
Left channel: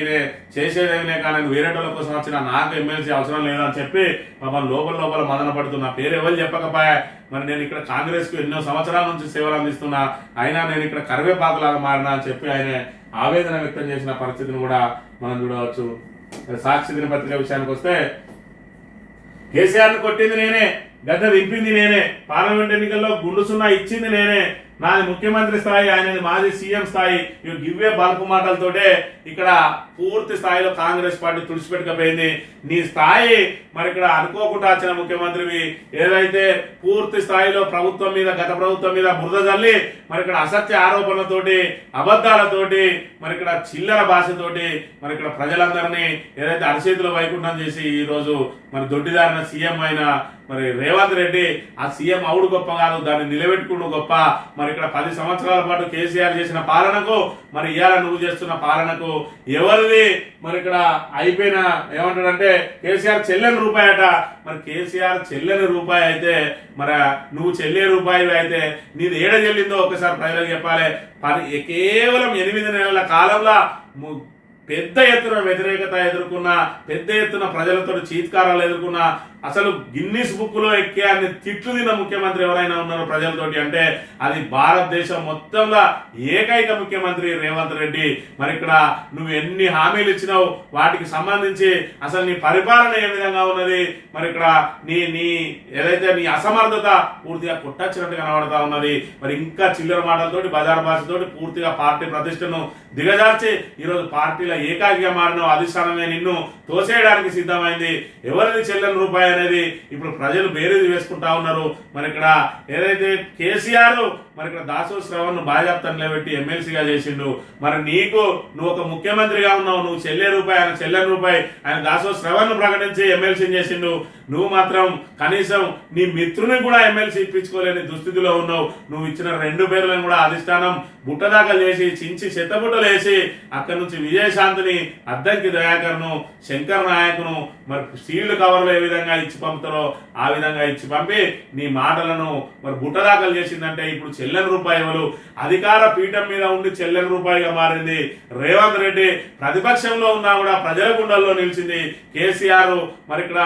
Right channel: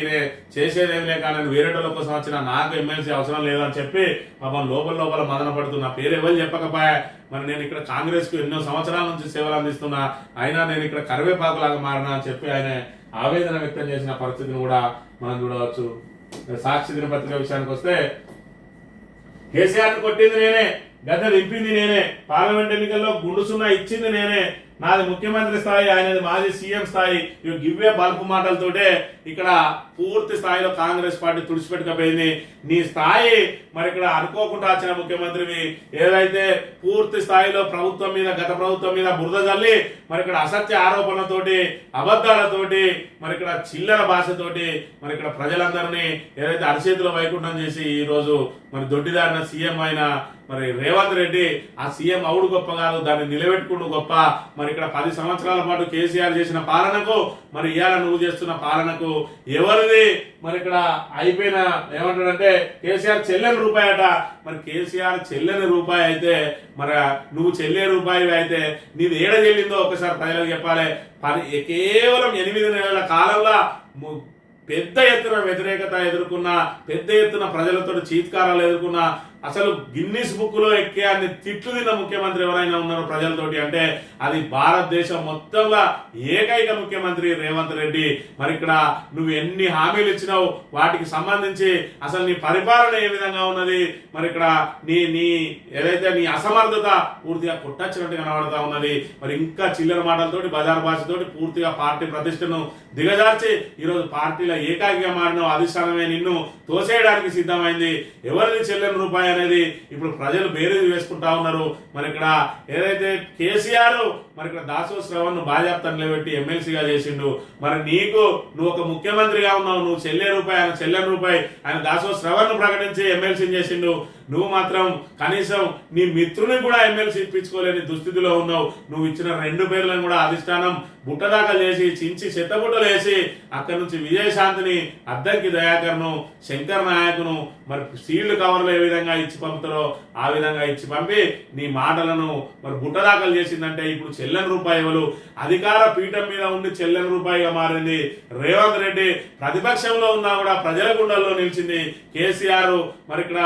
చేసేదేం లేక నేను వేరేటోళ్ళ కోసం వచ్చిన నాకు ఎమ్మెల్సీ అవసరం లేదని చెప్పి పాపం లోపల మదన పడుతున్నా. పేరు ఎవరు చెప్పకపోయా, మరి నేను ఇక్కడ కాంగ్రెస్ కు ఎన్నో సంవత్సరాల నుంచి సేవలు అందిస్తున్నా, అయినా నేను ఇక్కడ కరివేపాకులాగా మారినా అని చెప్పి ఆయన ఆవేదన వ్యక్తం చేసిన పరిస్థితిని కూడా మనం చూడవచ్చు. సాక్షి దినపత్రిక విషయానికి వస్తే కేసీఆర్ ని కొట్టింది నేనే, గద్దె దింపింది నేనే, పార్లమెంట్ ఎన్నికల్లో గుండు సున్నా ఇచ్చింది నేనే, నాది ముఖ్యమంత్రి స్థాయి, ఆయనది మాజీ సీఎం స్థాయి, ఇవి గివ్వే బల్పు మాటలతోటే ఇక్కడ పూర్తి స్థాయిలో కాంగ్రెస్ పార్టీ తుడిచిపెట్టకపోయింది. నీ స్థాయి మరి ఇక్కడ అనుకోకుండా వచ్చిన ముఖ్యమంత్రివి, ఏదైతే పూర్తి స్థాయిలో ప్రభుత్వం మీద గత ప్రభుత్వం మీద బురద జల్లి మరి ఇక్కడ అసత్య ఆరోపణలతోటి అబద్ధాలతోటి మరి ఇక్కడ చిల్లర భాషతోటి మరి ఇక్కడ ప్రజలందరినీ ఏదైతే అరిచేతిలో వైకుంఠం చేసి ఈ రోజు మరి దొడ్డిదారిన సీఎం అయిన మరి రేవంత్ రెడ్డి, ఆ సీఎం అవుడు గొప్ప కాదు, దాన్ని నిలబెట్టుకున్న గొప్ప. మరి ఇక్కడ 10 సంవత్సరాల పాటు కేసీఆర్ చేసిన పాలనకు మరి ఇవాళ నువ్వు చేస్తున్న పాలనకు ఎవరిది మరి ఇక్కడ అయిపోయిన ఏమంటాడంటే కేసీఆర్ చెల్లని రూపాయి అట. మరి కేసీఆర్ చెల్లని రూపాయి అయితే మరి నువ్వు చెల్లే రూపాయి అయితే నీది ఏడ చెల్లిందో ఒకసారి ప్రజలకు చెప్పాలి. కేవలం 8 నెలల కాలంలో పెద్ద ఎత్తున వ్యతిరేకత ఎదుర్కొన్న, పెద్ద ఎత్తున ప్రజలతో చీత్కారాలు ఎదుర్కొన్న, అసలు గిన్నిస్ బుక్ లో ఎక్కే అన్ని తిట్లు తిన్న ముఖ్యమంత్రి ఎవరైనా ఉన్నారో ప్రజలతోటి అంటే అది భారతదేశం మొత్తంలో ఏకైక ముఖ్యమంత్రి రేవంత్ రెడ్డి. మరి ఇక్కడ నువ్వు ఎన్ని హామీలు ఇచ్చినావు, వాటికి సంబంధించి అసలు నీ పరిపాలన ఏ విధంగా ఉన్నది, మరి ఇక్కడ నీ ఏదైతే నీ అసమర్థత పూర్తిగా కొట్టచ్చినట్టు కనబడతా ఉన్నది. మరి ఇంకా చిల్లర మాటలతోటి బజార్ భాషతోటి పూర్తిగా పార్టీ ప్రతిష్టను దిగజార్చి ఈరోజు పార్టీలో ఏకాకిగా మారిన అధిష్టానమే నిన్ను తోసేయడానికి సిద్ధమైంది. ఎవరిని చెల్లని రూపాయి అనేది ఇప్పుడు ప్రజలు బేరీజు వేసుకుంటా ఉన్నారు. మరి ఇక్కడ ఏదైతే కేసీఆర్ మరి ఇక్కడ దాసో శ్రవణ్ ను బాధ్యతను నిలబెట్టి ఎమ్మెల్సీగా చేసిండు. మరి నువ్వు ఒక ముఖ్యమంత్రిగా ఉన్నావు, నువ్వు చెల్లే రూపాయి, ఆయన చెల్లని రూపాయి, ఆయన దాసో శ్రవణ్ ను ప్రకటించి ఎమ్మెల్సీని చేసిండు. నువ్వు మాత్రం కనీసం నీ మిత్రుని కూడా ఎమ్మెల్సీ ఇప్పించుకోలేని దుస్థితిలో ఉన్నావు. నువ్వు ఇచ్చిన 2 పేర్లను కూడా అధిష్టానం బుట్టదాఖలు చేసి చించి చెత్తబుట్టలు వేసి అక్కడి నుంచి విజయశాంతిని, అద్దంకి దయాకర్ను, శంకర్ నాయకును మరి సీల్డ్ కవర్లు ఏ విధంగా ఇచ్చి పంపుతారో ఆ విధంగా ఇచ్చి పంపి నీ మాటలను మరి బుట్టదాఖలు చేసిందంటే ఇప్పుడు చెల్లని రూపాయి ఎవరు? అధికార పీఠం మీద ఉండి చెల్లని రూపాయిగా మారింది రేవంత్ రెడ్డి. ప్రతిపక్షంలో ఉన్నా కూడా ప్రజల గుండెల్లో నిలిచింది కేసీఆర్. మరి ఇక్కడ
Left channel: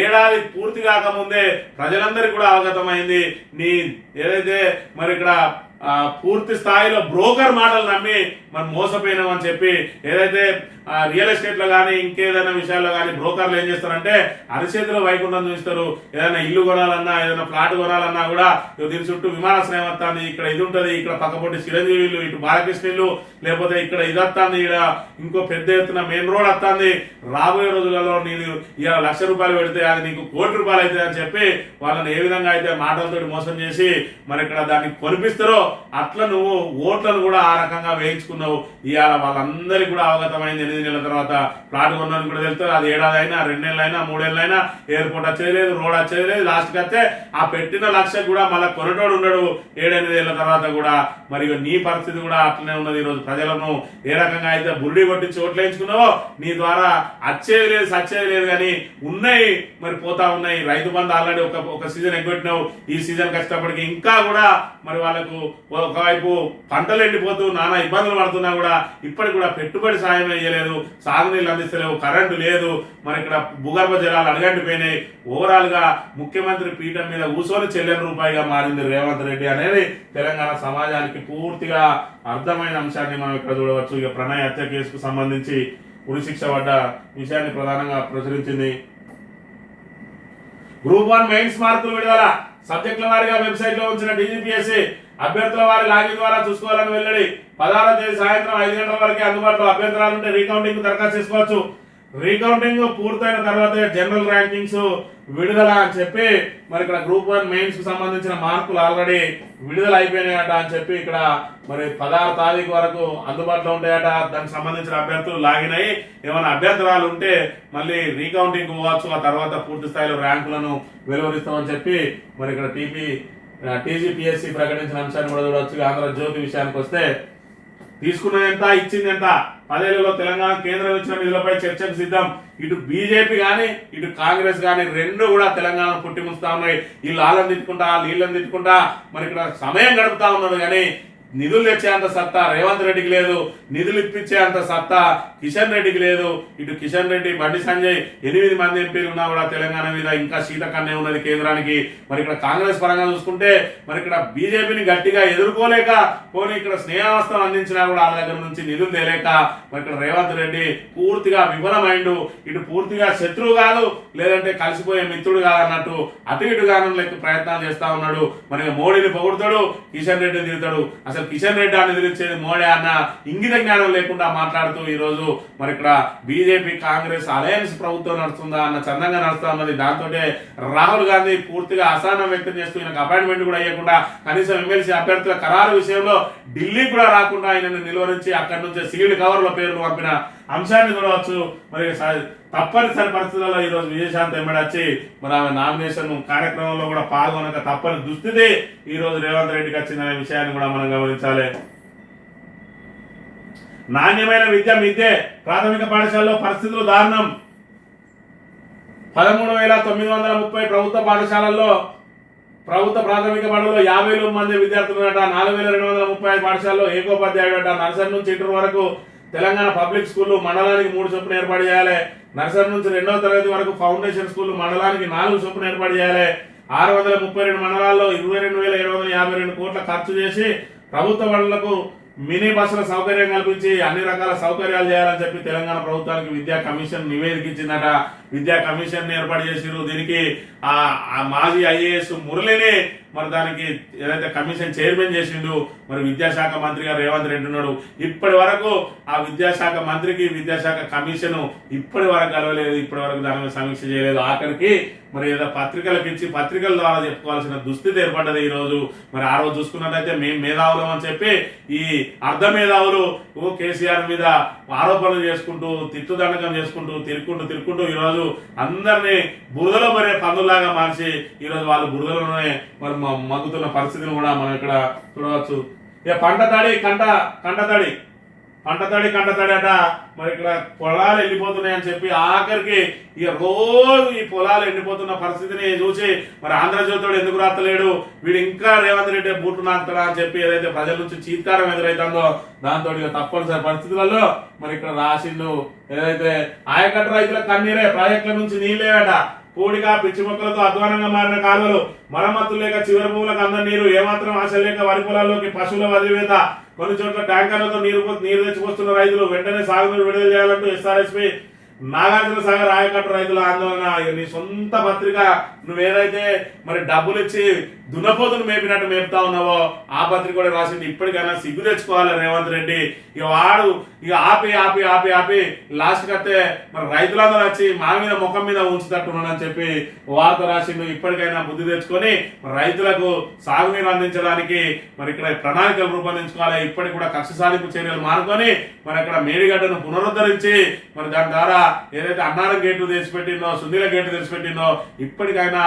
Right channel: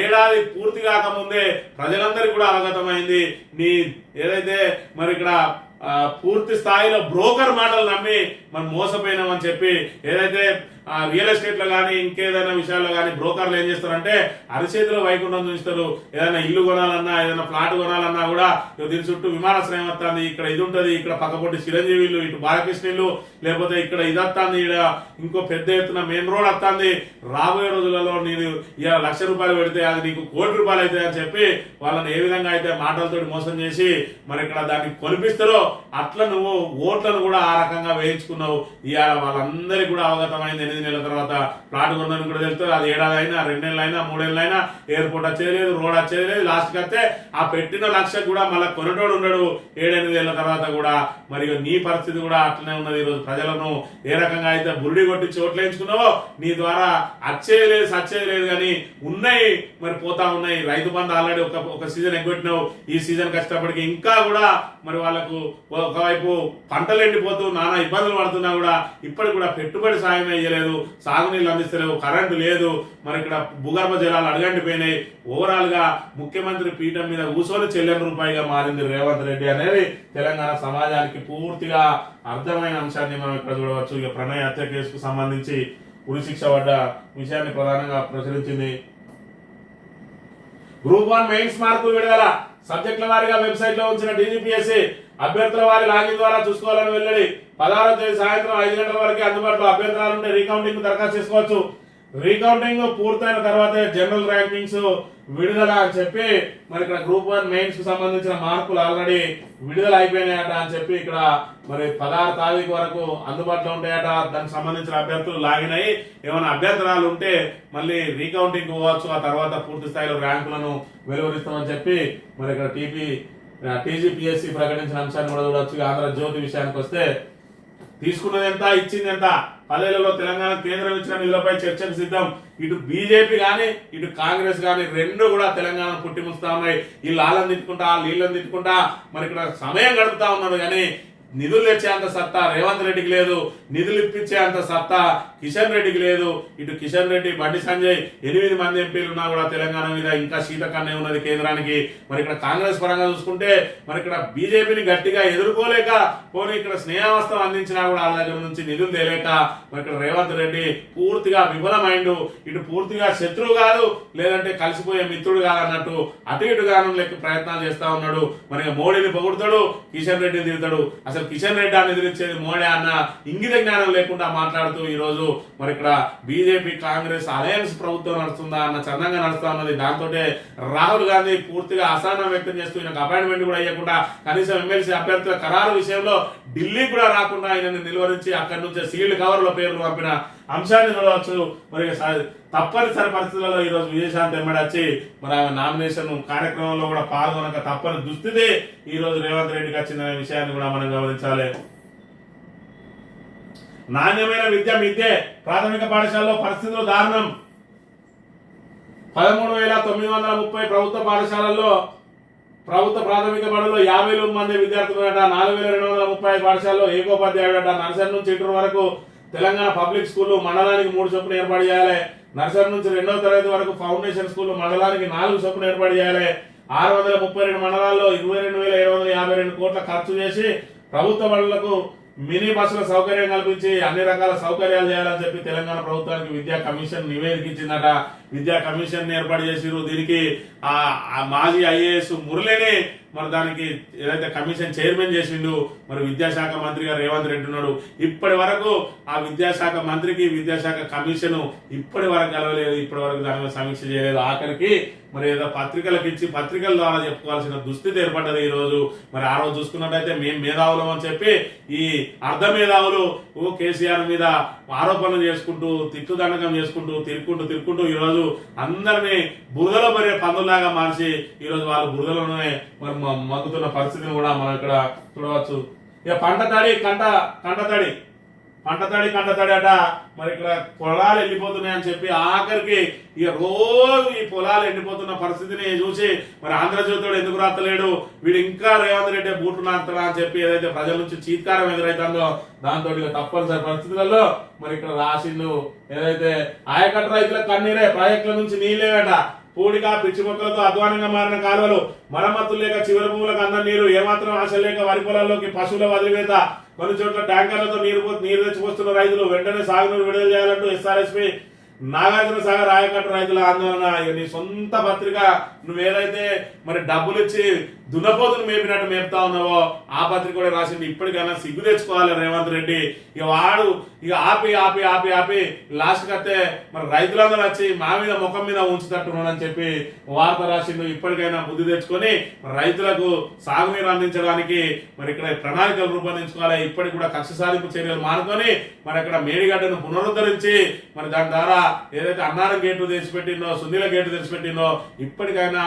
ఏడాది పూర్తి కాకముందే ప్రజలందరికీ కూడా అవగతమైంది నీ ఏదైతే మరి ఇక్కడ పూర్తి స్థాయిలో బ్రోకర్ మాటలు నమ్మి మనం మోసపోయినామని చెప్పి ఏదైతే రియల్ ఎస్టేట్ లో కానీ ఇంకేదైనా విషయాల్లో కానీ బ్రోకర్లు ఏం చేస్తారంటే అరిచేతిలో వైకుంఠం చూస్తారు. ఏదైనా ఇల్లు కొనాలన్నా, ఏదైనా ఫ్లాట్ కొనాలన్నా కూడా దీని చుట్టూ విమానాశ్రయం వస్తుంది, ఇక్కడ ఇది ఉంటుంది, ఇక్కడ పక్కపొట్టి చిరంజీవి ఇల్లు, ఇటు బాలకృష్ణ ఇల్లు, లేకపోతే ఇక్కడ ఇది వస్తుంది, ఇక్కడ ఇంకో పెద్ద ఎత్తున మెయిన్ రోడ్ వస్తుంది, రాబోయే రోజులలో నీకు ఇలా ₹1,00,000 పెడితే అది నీకు ₹1,00,00,000 అవుతుంది అని చెప్పి వాళ్ళని ఏ విధంగా అయితే మాటలతోటి మోసం చేసి మరి ఇక్కడ దాన్ని కొనిపిస్తారో అట్లా నువ్వు ఓట్లను కూడా ఆ రకంగా వేయించుకున్నావు. ఇవాళ వాళ్ళందరికీ కూడా అవగతమైంది. 8 నెలల తర్వాత ప్లాట్ కొన్నాను కూడా తెలుస్తుంది. అది 1 ఏడాది అయినా 2 నెలలైనా 3 ఏళ్ళైనా ఎయిర్పోర్ట్ వచ్చేది లేదు, రోడ్ వచ్చేది లేదు. లాస్ట్కి వస్తే ఆ పెట్టిన లక్ష కూడా మళ్ళీ కొనటోడు ఉండడు 7-8 ఏళ్ల తర్వాత కూడా. మరి నీ పరిస్థితి కూడా అట్లనే ఉన్నది. ఈరోజు ప్రజలను ఏ రకంగా అయితే బురుడి కొట్టించి ఓట్లు వేయించుకున్నావో నీ ద్వారా వచ్చేది లేదు, సచ్చేది లేదు, కానీ ఉన్నాయి మరి పోతా ఉన్నాయి. రైతు బంధు ఆల్రెడీ ఒక సీజన్ ఎగ్గొట్టినావు, ఈ సీజన్ కష్టపడికి ఇంకా కూడా మరి వాళ్ళకు ఒకవైపు పంటలు ఎండిపోతూ నానా ఇబ్బందులు పడుతున్నా కూడా ఇప్పటికి కూడా పెట్టుబడి సాయం వేయలేరు. లేదు, సాగునీళ్ళు అందిస్తలేవు, కరెంటు లేదు, మరి ఇక్కడ భూగర్భ జలాలు అడగంటిపోయినాయి. ఓవరాల్ గా ముఖ్యమంత్రి పీఠం మీద కూర్చొని చెల్లెని రూపాయిగా మారింది రేవంత్ రెడ్డి అనేది తెలంగాణ సమాజానికి పూర్తిగా అర్థమైన అంశాన్ని మనం ఇక్కడ చూడవచ్చు. ఇక ప్రణయ్ హత్య కేసుకు సంబంధించి ఉరిశిక్ష పడ్డ విషయాన్ని ప్రధానంగా ప్రచురించింది. గ్రూప్ 1 మెయిన్స్ మార్కులు విడుదల, సబ్జెక్టుల వారీగా వెబ్సైట్ లో ఉంచిన DGPSC అభ్యర్థుల వారి లాగిన్ ద్వారా చూసుకోవాలని వెల్లడి. 16వ తేదీ సాయంత్రం 5 గంటల వరకు అందుబాటులో. అభ్యంతరాలు ఉంటే రీకౌంటింగ్ దరఖాస్తు చేసుకోవచ్చు. రీకౌంటింగ్ పూర్తయిన తర్వాత జనరల్ ర్యాంకింగ్స్ విడుదల అని చెప్పి మరి ఇక్కడ గ్రూప్ 1 మెయిన్స్ కు సంబంధించిన మార్కులు ఆల్రెడీ విడుదల అయిపోయినాయట అని చెప్పి ఇక్కడ మరి 16 తారీఖు వరకు అందుబాటులో ఉంటాయట. దానికి సంబంధించిన అభ్యర్థులు లాగిన్ అయ్యి ఏమైనా అభ్యంతరాలు ఉంటే మళ్ళీ రీకౌంటింగ్ పోవచ్చు. ఆ తర్వాత పూర్తి స్థాయిలో ర్యాంకులను వెలువరిస్తామని చెప్పి మరి ఇక్కడ TGPSC ప్రకటించిన అంశాన్ని కూడా చూడవచ్చు. ఆంధ్రజ్యోతి విషయానికి వస్తే తీసుకున్నది ఎంత, ఇచ్చింది ఎంత, 10 ఏళ్లలో తెలంగాణ కేంద్రం ఇచ్చిన నిధులపై చర్చకు సిద్ధం. ఇటు బీజేపీ గాని ఇటు కాంగ్రెస్ గాని రెండు కూడా తెలంగాణ పుట్టిముస్తా ఉన్నాయి. వీళ్ళు వాళ్ళని తిట్టుకుంటా వీళ్ళని తిట్టుకుంటా మరి ఇక్కడ సమయం గడుపుతా ఉన్నారు. కానీ నిధులు తెచ్చే అంత సత్తా రేవంత్ రెడ్డికి లేదు, నిధులు ఇప్పించే అంత సత్తా కిషన్ రెడ్డికి లేదు. ఇటు కిషన్ రెడ్డి, బండి సంజయ్ 8 మంది ఎంపీలు ఉన్నా కూడా తెలంగాణ మీద ఇంకా శీతకన్నే ఉన్నది కేంద్రానికి. మరి ఇక్కడ కాంగ్రెస్ పరంగా చూసుకుంటే మరి ఇక్కడ బీజేపీని గట్టిగా ఎదుర్కోలేక పోనీ ఇక్కడ స్నేహావస్థం అందించినా కూడా వాళ్ళ దగ్గర నుంచి నిధులు తేలేక మరి ఇక్కడ రేవంత్ రెడ్డి పూర్తిగా విఫలమైండు. ఇటు పూర్తిగా శత్రువు కాదు, లేదంటే కలిసిపోయే మిత్రుడు కాదన్నట్టు అటు ఇటుగాను లెక్క ప్రయత్నాలు చేస్తా ఉన్నాడు. మరి మోడీని పొగుడుతాడు, కిషన్ రెడ్డిని తిడతాడు. అసలు కిషన్ రెడ్డి అని ఎదిరించేది మోడీ అన్న ఇంగిత జ్ఞానం లేకుండా మాట్లాడుతూ ఈ రోజు మరి ఇక్కడ బీజేపీ కాంగ్రెస్ అలయన్స్ ప్రభుత్వం నడుస్తుందా అన్న చందంగా నడుస్తా ఉన్నది. దాంతో రాహుల్ గాంధీ పూర్తిగా అసహనం వ్యక్తం చేస్తూ ఈయనకు అపాయింట్మెంట్ కూడా అయ్యకుండా కనీసం ఎమ్మెల్సీ అభ్యర్థుల ఖరారు విషయంలో ఢిల్లీ కూడా రాకుండా ఆయనను నిలువరించి అక్కడి నుంచి సీల్డ్ కవర్ల పేర్లు పంపిన అంశాన్ని చూడవచ్చు. మరి తప్పనిసరి పరిస్థితుల్లో ఈ రోజు విజయశాంతి ఎమ్మడి వచ్చి మరి ఆమె నామినేషన్ కార్యక్రమంలో కూడా పాల్గొనక తప్పని దుస్థితి ఈ రోజు రేవంత్ రెడ్డికి వచ్చిన విషయాన్ని కూడా మనం గమనించాలి. నాణ్యమైన విద్య మిద్దే, ప్రాథమిక పాఠశాలలో పరిస్థితులు దారుణం. 13,930 ప్రభుత్వ పాఠశాలల్లో ప్రభుత్వ ప్రాథమిక బడుల్లో 50 మంది విద్యార్థులున్నట. 4,235 పాఠశాలలో ఏకోపాధ్యాయుడట. నర్సరీ నుంచి ఇంటర్ వరకు తెలంగాణ పబ్లిక్ స్కూళ్లు మండలానికి 3 చొప్పున ఏర్పాటు చేయాలి. నర్సరీ నుంచి 2వ తరగతి వరకు ఫౌండేషన్ స్కూళ్లు మండలానికి 4 చొప్పున ఏర్పాటు చేయాలి. 632 మండలాల్లో 22,752 కోట్ల ఖర్చు చేసి ప్రభుత్వ బడులకు మినీ బస్సుల సౌకర్యం కల్పించి అన్ని రకాల సౌకర్యాలు చేయాలని చెప్పి తెలంగాణ ప్రభుత్వానికి విద్యా కమిషన్ నివేదించిందట. విద్యా కమిషన్ ఏర్పాటు చేసిరు. దీనికి ఆ మాజీ IAS మురళిని మరి దానికి ఏదైతే కమిషన్ చైర్మన్ చేసిండు మరి విద్యాశాఖ మంత్రిగా రేవంత్ రెడ్డి ఉన్నాడు. ఇప్పటి వరకు ఆ విద్యాశాఖ మంత్రికి విద్యాశాఖ కమిషన్ ఇప్పటి వరకు కలవలేదు, ఇప్పటి వరకు దాని మీద సమీక్ష చేయలేదు. ఆఖరికి మరి ఏదో పత్రికలకు ఇచ్చి పత్రికల ద్వారా చెప్పుకోవాల్సిన దుస్థితి ఏర్పడ్డది ఈ రోజు. మరి ఆ రోజు చూసుకున్నట్టయితే మేము మేధావులం అని చెప్పి ఈ అర్ధ మేధావులు కేసీఆర్ మీద ఆరోపణలు చేసుకుంటూ తిట్టుదండకం చేసుకుంటూ తిరుక్కుంటూ ఈ రోజు అందరినీ బురదలో మరే పందులాగా మార్చి ఈ రోజు వాళ్ళు బురదలోనే మరి మగ్గుతున్న పరిస్థితిని కూడా మనం ఇక్కడ చూడవచ్చు. ఇక పంట తడి అట. మరి ఇక్కడ పొలాలు ఎండిపోతున్నాయని చెప్పి ఆఖరికి ఇక రోజు ఈ పొలాలు ఎండిపోతున్న పరిస్థితిని చూసి మరి ఆంధ్రజ్యోతిడు ఎందుకు రాస్తలేడు, వీడు ఇంకా రేవంత్ రెడ్డి బూట్లు నాకుతాడా అని చెప్పి ఏదైతే ప్రజల నుంచి చీత్కారం ఎదురైతుందో దాంతో ఇక తప్పనిసరి పరిస్థితులలో మరి ఇక్కడ రాసిండు. ఏదైతే ఆయకట్టు రైతుల కన్నీరే, ప్రాజెక్టుల నుంచి నీళ్ళేట. పూడిగా పిచ్చి మొక్కలతో అధ్వానంగా మారిన కాలువలు, మరమ్మతులు లేక చివరి భూములకు అందరి నీరు, ఏమాత్రం ఆశ లేక వరి పొలాల్లోకి పశువుల వదిలివేత, కొన్ని చోట్ల ట్యాంకర్లతో నీరు తెచ్చిపోస్తున్న రైతులు వెంటనే సాగునీరు విడుదల చేయాలంటూ SRSP నాగార్జున సాగర్ ఆయకట్టు రైతుల ఆందోళన. నీ సొంత పత్రిక నువ్వేదైతే మరి డబ్బులు ఇచ్చి దున్నపోతును మేపినట్టు మేపుతా ఉన్నావో ఆ పత్రిక కూడా రాసింది. ఇప్పటికైనా సిగ్గు తెచ్చుకోవాలి రేవంత్ రెడ్డి. ఇక వాడు ఇక ఆపి లాస్ట్ కత్తే మరి రైతులందరూ వచ్చి మా మీద ముఖం మీద ఉంచుతట్టున్నాడని చెప్పి వార్త రాసిండు. ఇప్పటికైనా బుద్ధి తెచ్చుకొని రైతులకు సాగునీరు అందించడానికి మరి ఇక్కడ ప్రణాళికలు రూపొందించుకోవాలి. ఇప్పటికి కూడా కక్ష సాధింపు చర్యలు మానుకొని మరి అక్కడ మేడిగడ్డను పునరుద్ధరించి మరి దాని ద్వారా ఏదైతే అన్నారం గేట్లు తెచ్చిపెట్టిందో, సుందీల గేట్లు తెచ్చిపెట్టిందో ఇప్పటికైనా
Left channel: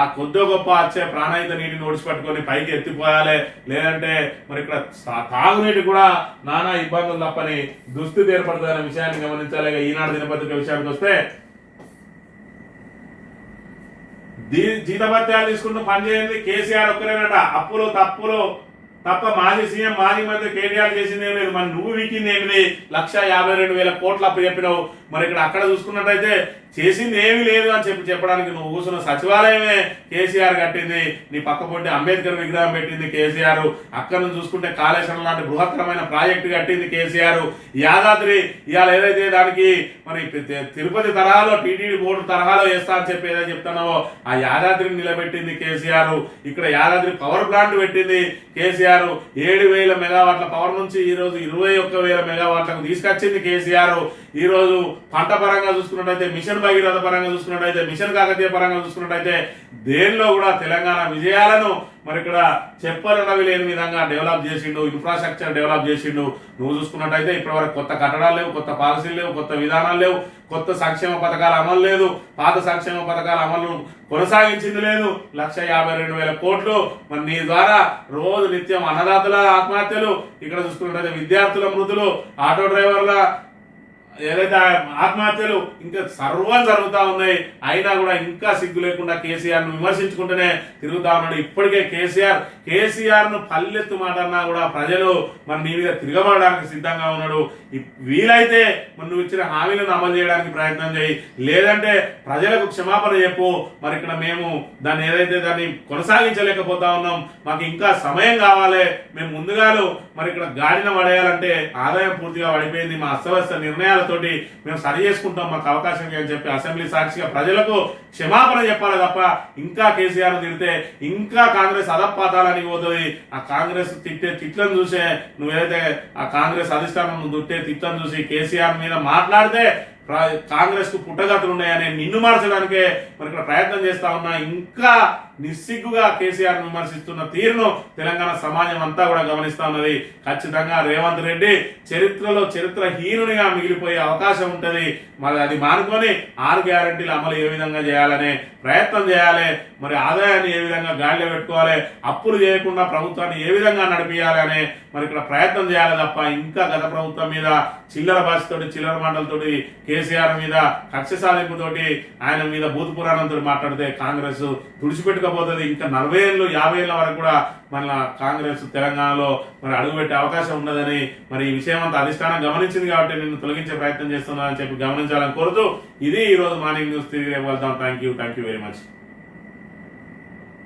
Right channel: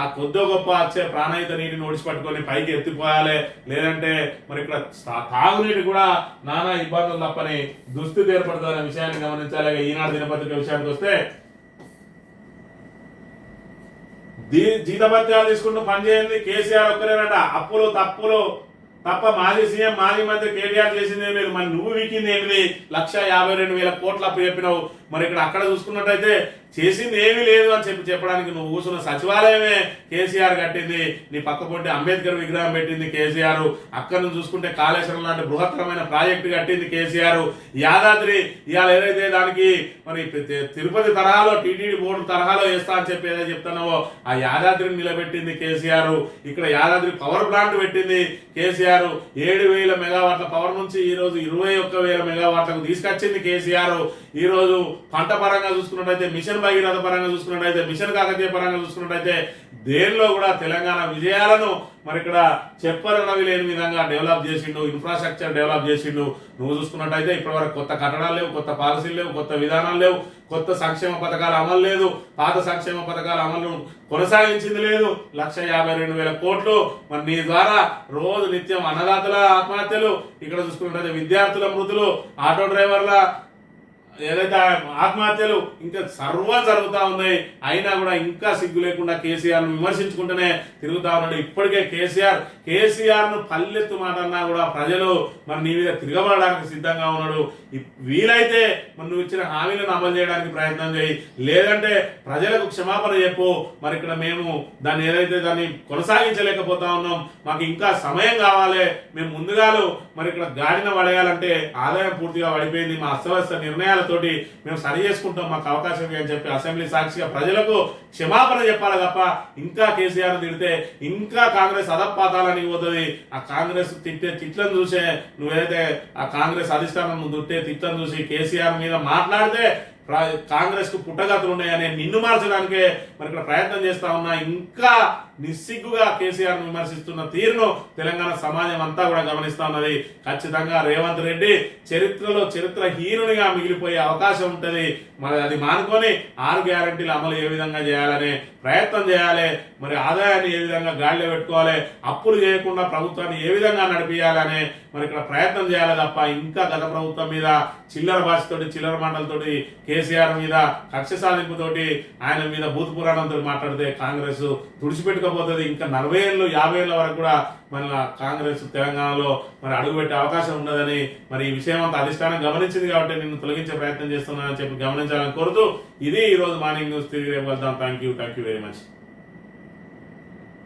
ఆ కొద్దో గొప్ప వచ్చే ప్రాణాయిత నీటిని ఓడిచిపట్టుకొని పైకి ఎత్తిపోయాలి. లేదంటే మరి ఇక్కడ తాగునీటి కూడా నానా ఇబ్బందులు తప్పని దుస్థితి ఏర్పడుతుందనే విషయాన్ని గమనించాలి. ఈనాడు దినపత్రిక విషయానికి వస్తే జీతభత్యాలు తీసుకుంటూ పనిచేయండి కేసీఆర్ ఒక్కరేనట. అప్పులు తప్పులు తప్ప మాజీ సీఎం మాజీ మంత్రి కేటీఆర్ చేసింది ఏం లేదు. మరి నువ్వు వీకింది ఏంటిది? 1,52,000 కోట్లు అప్పు చెప్పినావు. మరి ఇక్కడ అక్కడ చూసుకున్నట్టయితే చేసింది ఏమీ లేదు అని చెప్పడానికి నువ్వు కూర్చున్న సచివాలయమే కేసీఆర్ కట్టింది. నీ పక్క పొంటి అంబేద్కర్ విగ్రహం పెట్టింది కేసీఆర్. అక్కడ నుంచి చూసుకుంటే కాళేశ్వరం లాంటి బృహత్తరమైన ప్రాజెక్టు కట్టింది కేసీఆర్. యాదాద్రి ఇవాళ ఏదైతే దానికి మరి తిరుపతి తరహాలో టీటీడీ బోర్డు తరహాలో వేస్తా అని చెప్పి ఏదైతే చెప్తున్నావో ఆ యాదాద్రిని నిలబెట్టింది కేసీఆర్. ఇక్కడ యాదాద్రి పవర్ ప్లాంట్ పెట్టింది కేసీఆర్. 7,000 మెగావాట్ల పవర్ నుంచి ఈ రోజు 21,000 మెగావాట్లకు తీసుకొచ్చింది కేసీఆర్. ఈ రోజు పంట పరంగా చూసుకున్నట్టయితే మిషన్ భగీరథ పరంగా చూసుకున్నట్టయితే మిషన్ కాకతీయ పరంగా చూసుకున్నట్టయితే దేనిలో కూడా తెలంగాణ విజయాలను మరి ఇక్కడ చెప్పరడవి లేని విధంగా డెవలప్ చేసిండు. ఇన్ఫ్రాస్ట్రక్చర్ డెవలప్ చేసిండు. నువ్వు చూసుకున్నట్టయితే ఇప్పటివరకు కొత్త కట్టడాలు లేవు, కొత్త పాలసీలు లేవు, కొత్త విధానాలు లేవు, కొత్త సంక్షేమ పథకాల అమలు లేదు, పాత సంక్షేమ పథకాల అమలు కొనసాగించింది లేదు. 1,52,000 కోట్లు మరి నీ ద్వారా రోజు నిత్యం అన్నదాతల ఆత్మహత్యలు, ఇక్కడ చూసుకున్నట్టయితే విద్యార్థుల మృతులు, ఆటో డ్రైవర్ల ఏదైతే ఆత్మహత్యలు ఇంకా సర్వం జరుగుతూ ఉన్నాయి. అయినా కూడా ఇంకా సిగ్గు లేకుండా కేసీఆర్ ను విమర్శించుకుంటూనే తిరుగుతా ఉన్నాడు. ఇప్పటికే కేసీఆర్ ను పల్లెత్తు మాట అన్నా కూడా ప్రజలు మరి నీ మీద తిరగబడడానికి సిద్ధంగా ఉన్నాడు. వీలైతే మరి నువ్వు ఇచ్చిన హామీలను అమలు చేయడానికి ప్రయత్నం చేయి, లేదంటే ప్రజలకు క్షమాపణ చెప్పు. మరి ఇక్కడ మేము దాన్ని ఏదైతే దాన్ని కొనసాగించలేకపోతా ఉన్నాం, మాకు ఇంకా సమయం కావాలి, మేము ముందుగాలు మరి ఇక్కడ గాడిన పడేయాలంటే ఆదాయం పూర్తిగా పడిపోయింది, మా అస్తవ్యస్త నిర్ణయాలతోటి మేము సరి చేసుకుంటాం, మాకు అవకాశం అని చెప్పి అసెంబ్లీ సాక్షిగా ప్రజలకు క్షమాపణ చెప్పాలి తప్ప ఇంకా కేసీఆర్ తిడితే ఇంకా కాంగ్రెస్ అధపాతాలని పోతుంది. ఆ కాంగ్రెస్ తిట్టే తిట్లను చూసే నువ్వేదైతే ఆ కాంగ్రెస్ అధిష్టానం దుట్టే తిట్లను చూసి కేసీఆర్ మీద మాట్లాడితే కాంగ్రెస్ కు పుట్టగతులు ఉన్నాయని నిన్ను మార్చడానికే మరి ఇక్కడ ప్రయత్నం చేస్తా ఉన్నా. ఇంకా నిస్సిగ్గుగా కేసీఆర్ విమర్శిస్తున్న తీరును తెలంగాణ సమాజం అంతా కూడా గమనిస్తా ఉన్నది. ఖచ్చితంగా రేవంత్ రెడ్డి చరిత్రహీనునిగా మిగిలిపోయే అవకాశం ఉంటది. మరి అది మానుకొని 6 గ్యారెంటీల అమలు ఏ విధంగా చేయాలనే ప్రయత్నం చేయాలి, మరి ఆదాయాన్ని ఏ విధంగా గాడిలో పెట్టుకోవాలి, అప్పులు చేయకుండా ప్రభుత్వాన్ని ఏ విధంగా నడిపియాలనే మరి ఇక్కడ ప్రయత్నం చేయాలి తప్ప ఇంకా గత ప్రభుత్వం మీద చిల్లర భాషతోటి చిల్లర మాటలతోటి కేసీఆర్ మీద కక్ష సాధింపుతోటి ఆయన మీద భూత పురాణంతో మాట్లాడితే కాంగ్రెస్ తుడిచిపెట్టుకోబోతుంది. ఇంకా 40 ఏళ్ళు 50 ఏళ్ళ వరకు కూడా మన కాంగ్రెస్ తెలంగాణలో మరి అడుగుపెట్టే అవకాశం ఉన్నదని మరి ఈ విషయం అంతా అధిష్టానం గమనించింది కాబట్టి నిన్ను తొలగించే ప్రయత్నం చేస్తున్నానని చెప్పి గమనించాలని కోరుతూ ఇది ఈ రోజు మార్నింగ్ న్యూస్. తిరిగి వెళ్తాం. Thank you very much.